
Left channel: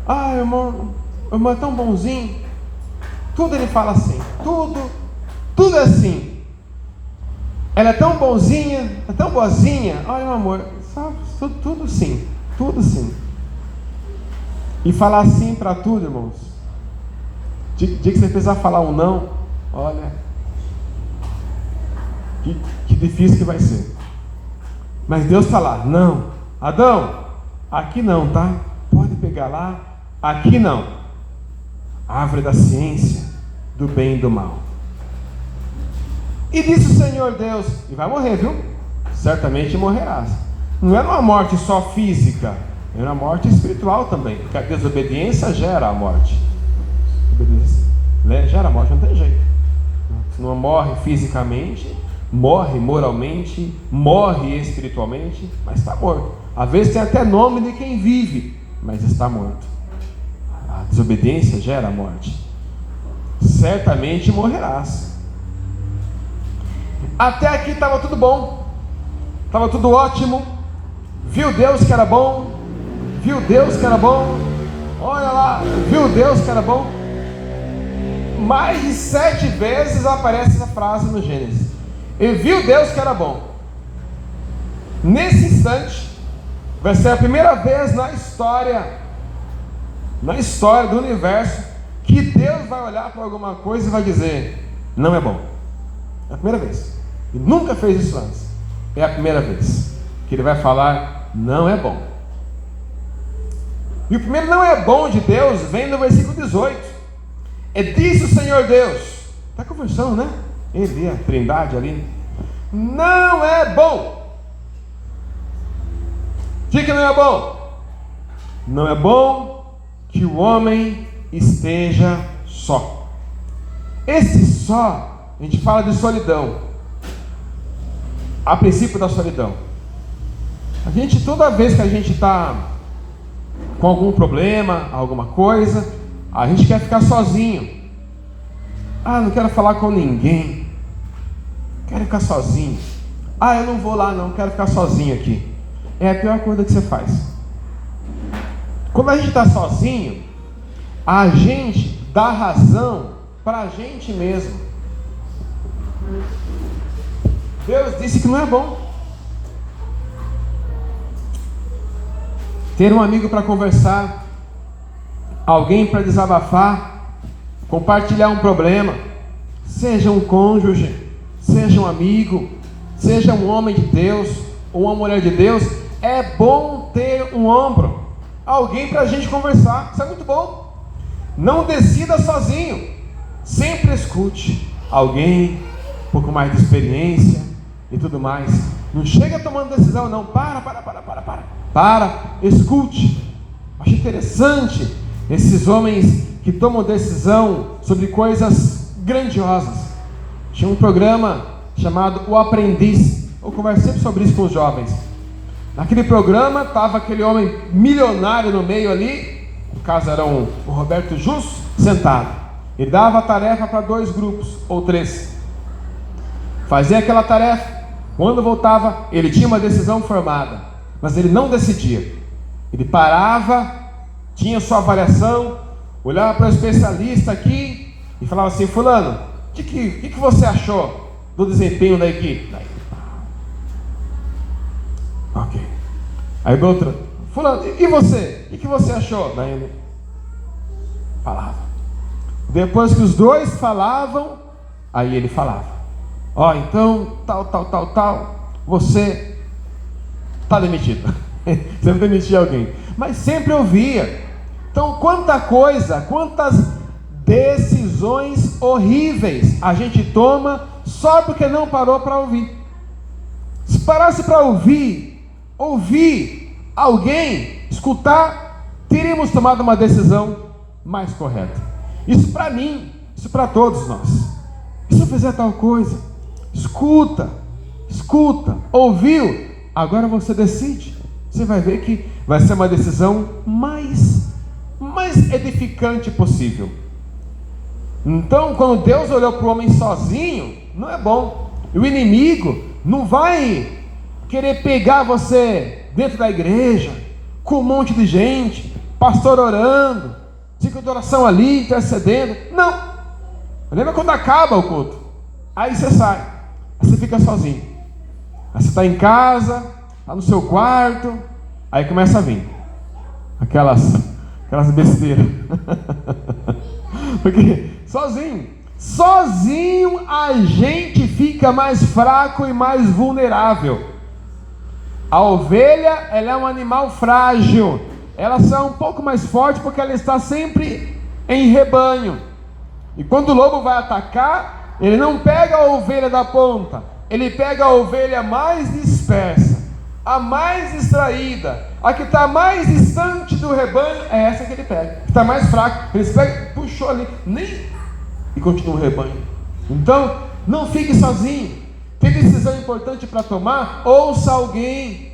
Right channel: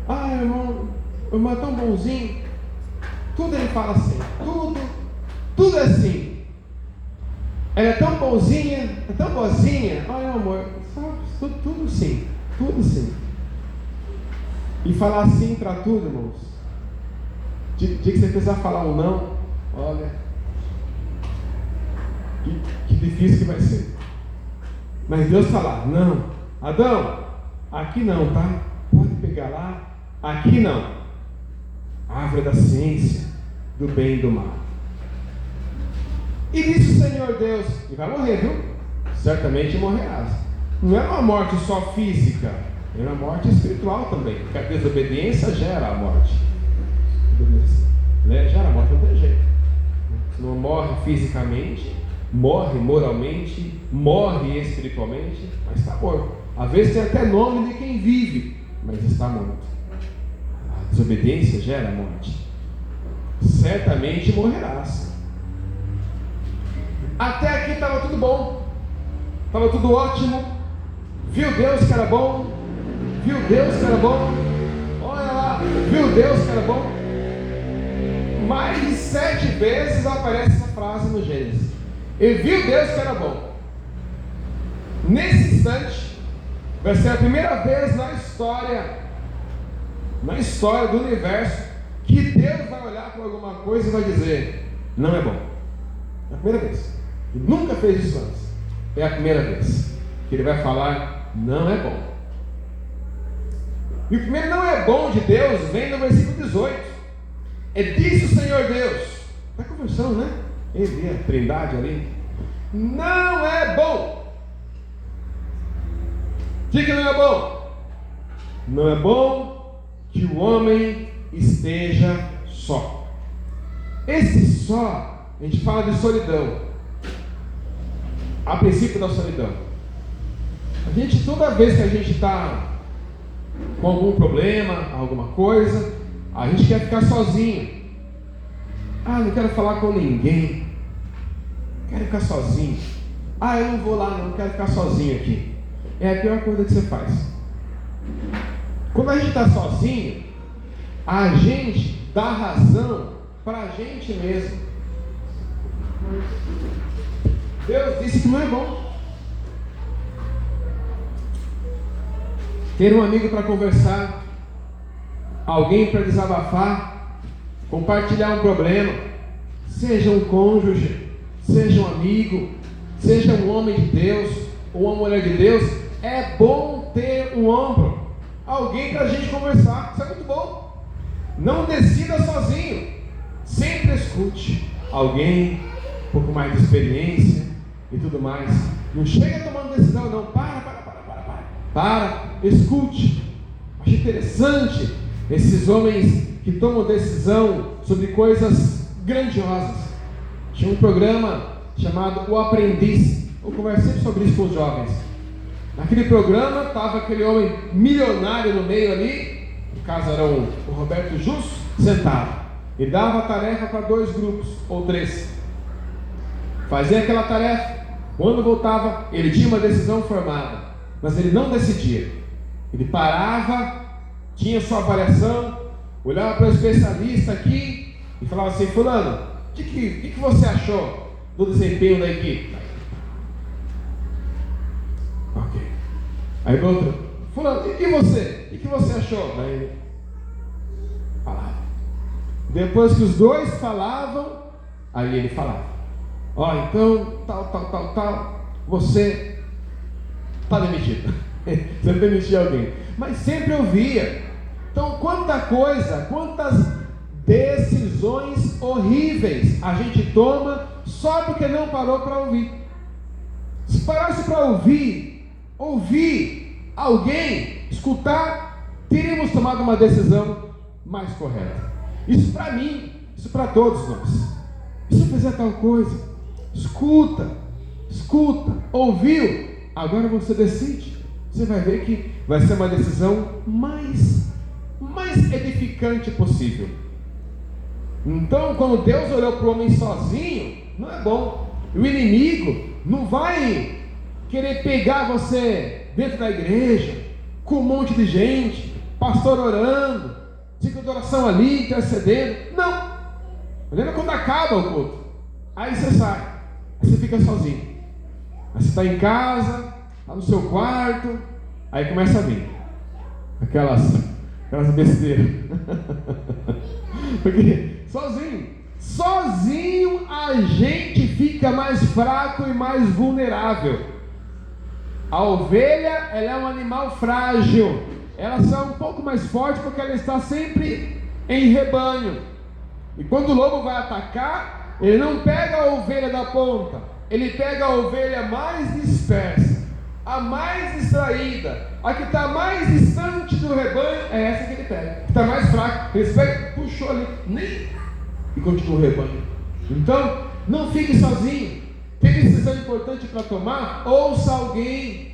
ah, irmão é tão bonzinho. Tudo ele fala assim. Tudo é assim. Ela é tão bonzinha, é tão boazinha. Ai, meu amor, tudo sim. Tudo sim. E falar sim para tudo, irmãos. Dia que você precisar falar um não, olha, que difícil que vai ser. Mas Deus está lá: não, Adão, aqui não, tá? Pode pegar lá, aqui não. Árvore da ciência, do bem e do mal. E disse o Senhor Deus: e vai morrer, viu? Certamente morrerás. Não era uma morte só física, era uma morte espiritual também, porque a desobediência gera a morte. Gera a morte, não tem jeito. Se não morre fisicamente, morre moralmente, morre espiritualmente, mas está morto. Às vezes tem até nome de quem vive, mas está morto. A desobediência gera a morte. Certamente morrerás. Até aqui estava tudo bom, estava tudo ótimo. Viu Deus que era bom? Viu Deus que era bom? Olha lá, viu Deus que era bom? Mais de 7 vezes aparece essa frase no Gênesis. E viu Deus que era bom. Nesse instante, vai ser a primeira vez na história do universo, que Deus vai olhar para alguma coisa e vai dizer: não é bom. É a primeira vez. Ele nunca fez isso antes. É a primeira vez que ele vai falar: não é bom. E o primeiro não é bom de Deus vem no versículo 18. Disse o Senhor Deus. Está conversando, né? Ele, a trindade ali. Não é bom. Diga que não é bom. Não é bom que o homem esteja só. Esse só, a gente fala de solidão. A princípio da solidão. A gente, toda vez que a gente está com algum problema, alguma coisa, a gente quer ficar sozinho. Não quero falar com ninguém, quero ficar sozinho. Eu não vou lá não, quero ficar sozinho aqui. É a pior coisa que você faz. Quando a gente está sozinho, a gente dá razão para a gente mesmo. Deus disse que não é bom ter um amigo para conversar, alguém para desabafar, compartilhar um problema, seja um cônjuge, seja um amigo, seja um homem de Deus ou uma mulher de Deus. É bom ter um ombro, alguém para a gente conversar. Isso é muito bom. Não decida sozinho, sempre escute alguém um pouco mais de experiência e tudo mais. Não chega tomando decisão não. Para, escute. Acho interessante esses homens que tomam decisão sobre coisas grandiosas. Tinha um programa chamado O Aprendiz. Eu converso sempre sobre isso com os jovens. Naquele programa estava aquele homem milionário no meio ali. No caso era o Roberto Justo, sentado. Ele dava a tarefa para 2 grupos ou 3. Fazia aquela tarefa. Quando voltava, ele tinha uma decisão formada, mas ele não decidia. Ele parava, tinha sua avaliação, olhava para o especialista aqui e falava assim: fulano, o que você achou do desempenho da equipe? Ok. Aí do outro: fulano, e você? O que você achou? Daí ele falava. Depois que os 2 falavam, aí ele falava: então, tal, você está demitido. Sempre demitir alguém, mas sempre ouvia. Então, quantas decisões horríveis a gente toma só porque não parou para ouvir. Se parasse para ouvir alguém, escutar, teríamos tomado uma decisão mais correta. Isso para mim, isso para todos nós. E se eu fizer tal coisa? Escuta, ouviu, agora você decide. Você vai ver que vai ser uma decisão mais edificante possível. Então, quando Deus olhou para o homem sozinho, não é bom. E o inimigo não vai querer pegar você dentro da igreja, com um monte de gente, pastor orando, ciclo de oração ali, intercedendo. Não. Lembra quando acaba o culto? Aí você sai, aí você fica sozinho. Aí você está em casa, está no seu quarto, aí começa a vir aquelas besteiras. Porque sozinho a gente fica mais fraco e mais vulnerável. A ovelha, ela é um animal frágil, ela só é um pouco mais forte porque ela está sempre em rebanho. E quando o lobo vai atacar, ele não pega a ovelha da ponta, ele pega a ovelha mais dispersa, a mais distraída, a que está mais distante do rebanho. É essa que ele pega, que está mais fraca. Ele pega, puxou ali, e continua o rebanho. Então, não fique sozinho. Tem decisão importante para tomar? Ouça alguém,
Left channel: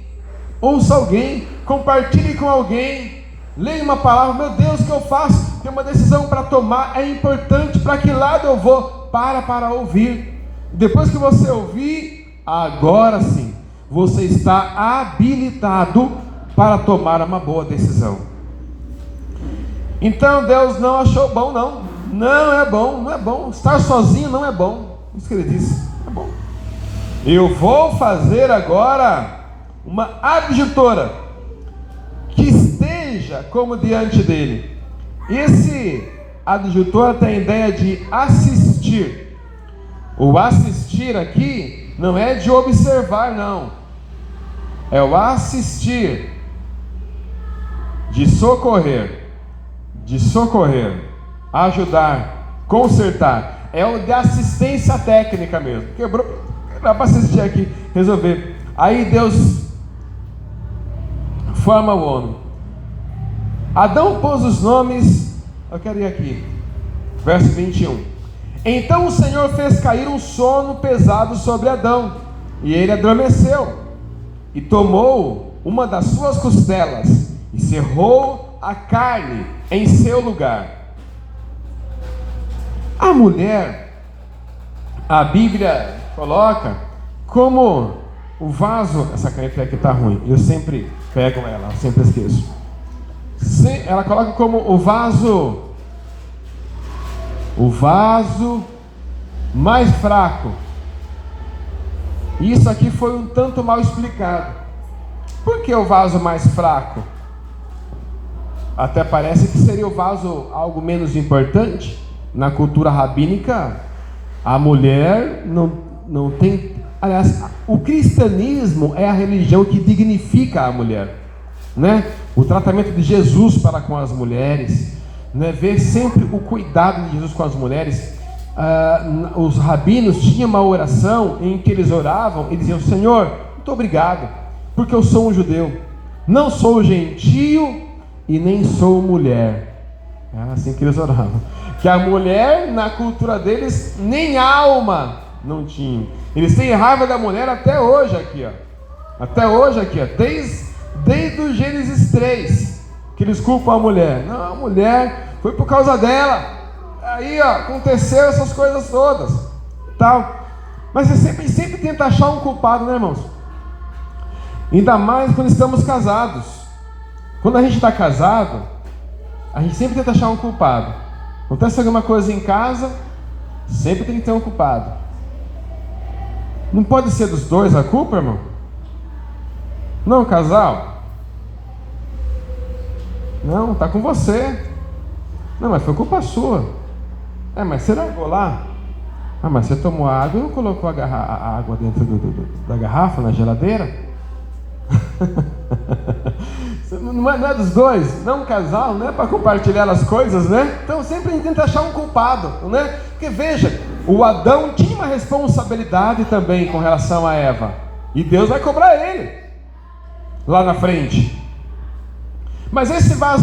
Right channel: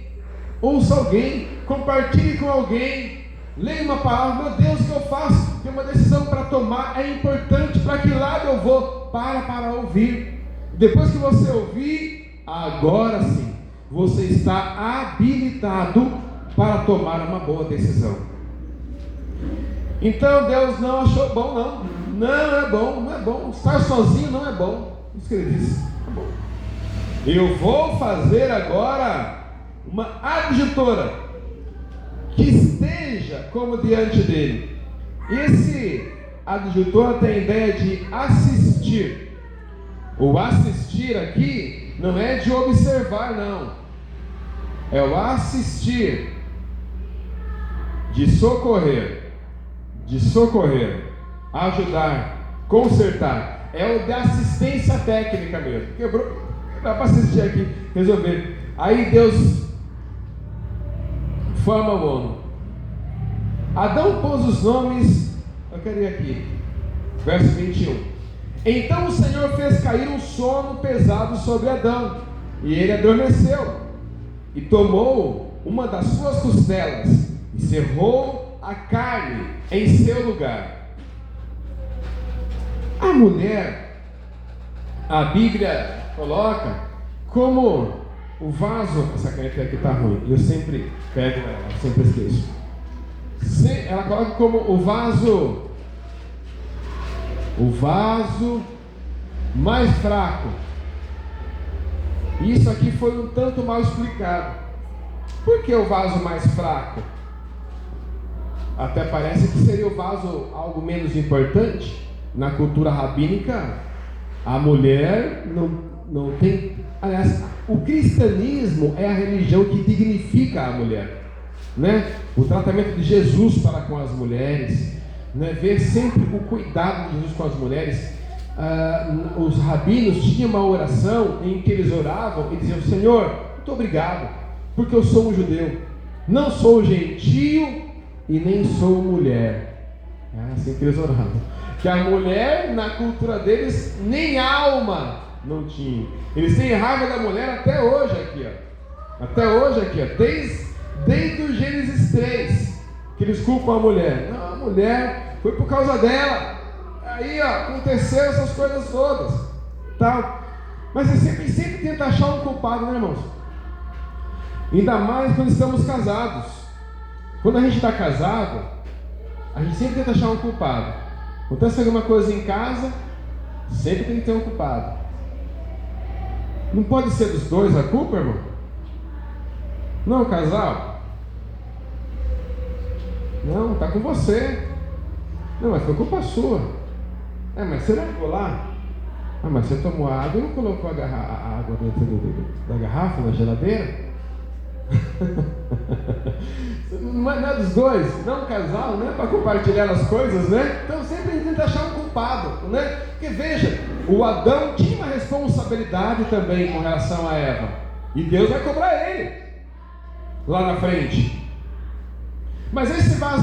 compartilhe com alguém, leia uma palavra. Meu Deus, o que eu faço? Tem uma decisão para tomar, é importante. Para que lado eu vou? Para ouvir. Depois que você ouvir, agora sim, você está habilitado para tomar uma boa decisão. Então Deus não achou bom, não é bom, estar sozinho não é bom. Isso que ele disse, é bom. Eu vou fazer agora uma adjutora que esteja como diante dele. Esse adjutor tem a ideia de assistir. O assistir aqui não é de observar, não. É o assistir, de socorrer, ajudar, consertar. É o de assistência técnica mesmo. Quebrou, dá para assistir aqui, resolver. Aí Deus forma o homem. Adão pôs os nomes, eu quero ir aqui, verso 21. Então o Senhor fez cair um sono pesado sobre Adão, e ele adormeceu. E tomou uma das suas costelas e cerrou a carne em seu lugar. A mulher, a Bíblia coloca como o vaso. Essa caneta aqui está ruim, eu sempre pego ela, eu sempre esqueço. Ela coloca como o vaso mais fraco. Isso aqui foi um tanto mal explicado. Por que o vaso mais fraco? Até parece que seria o vaso algo menos importante. Na cultura rabínica, a mulher não tem... Aliás, o cristianismo é a religião que dignifica a mulher, né? O tratamento de Jesus para com as mulheres, né? Ver sempre o cuidado de Jesus com as mulheres. Os rabinos tinham uma oração em que eles oravam e diziam: Senhor, muito obrigado, porque eu sou um judeu, não sou gentio e nem sou mulher. Era assim que eles oravam. Que a mulher, na cultura deles, nem alma não tinha. Eles têm raiva da mulher até hoje aqui, ó. Até hoje aqui, ó. Desde o Gênesis 3, que eles culpam a mulher. Não, a mulher foi por causa dela. Aí, ó, aconteceu essas coisas todas, tal. Mas você sempre tenta achar um culpado, né, irmãos? Ainda mais quando estamos casados. Quando a gente está casado, a gente sempre tenta achar um culpado. Acontece alguma coisa em casa, sempre tem que ter um culpado. Não pode ser dos dois a culpa, irmão? Não, casal? Não, está com você. Não, mas foi culpa sua. Mas você largou lá? Mas você tomou água e não colocou a água dentro da garrafa, na geladeira? Não é dos dois, não é um casal, não é para compartilhar as coisas, né? Então sempre a gente tenta achar um culpado, né? Porque veja, o Adão tinha uma responsabilidade também com relação a Eva, e Deus vai cobrar ele lá na frente. Mas esse vaso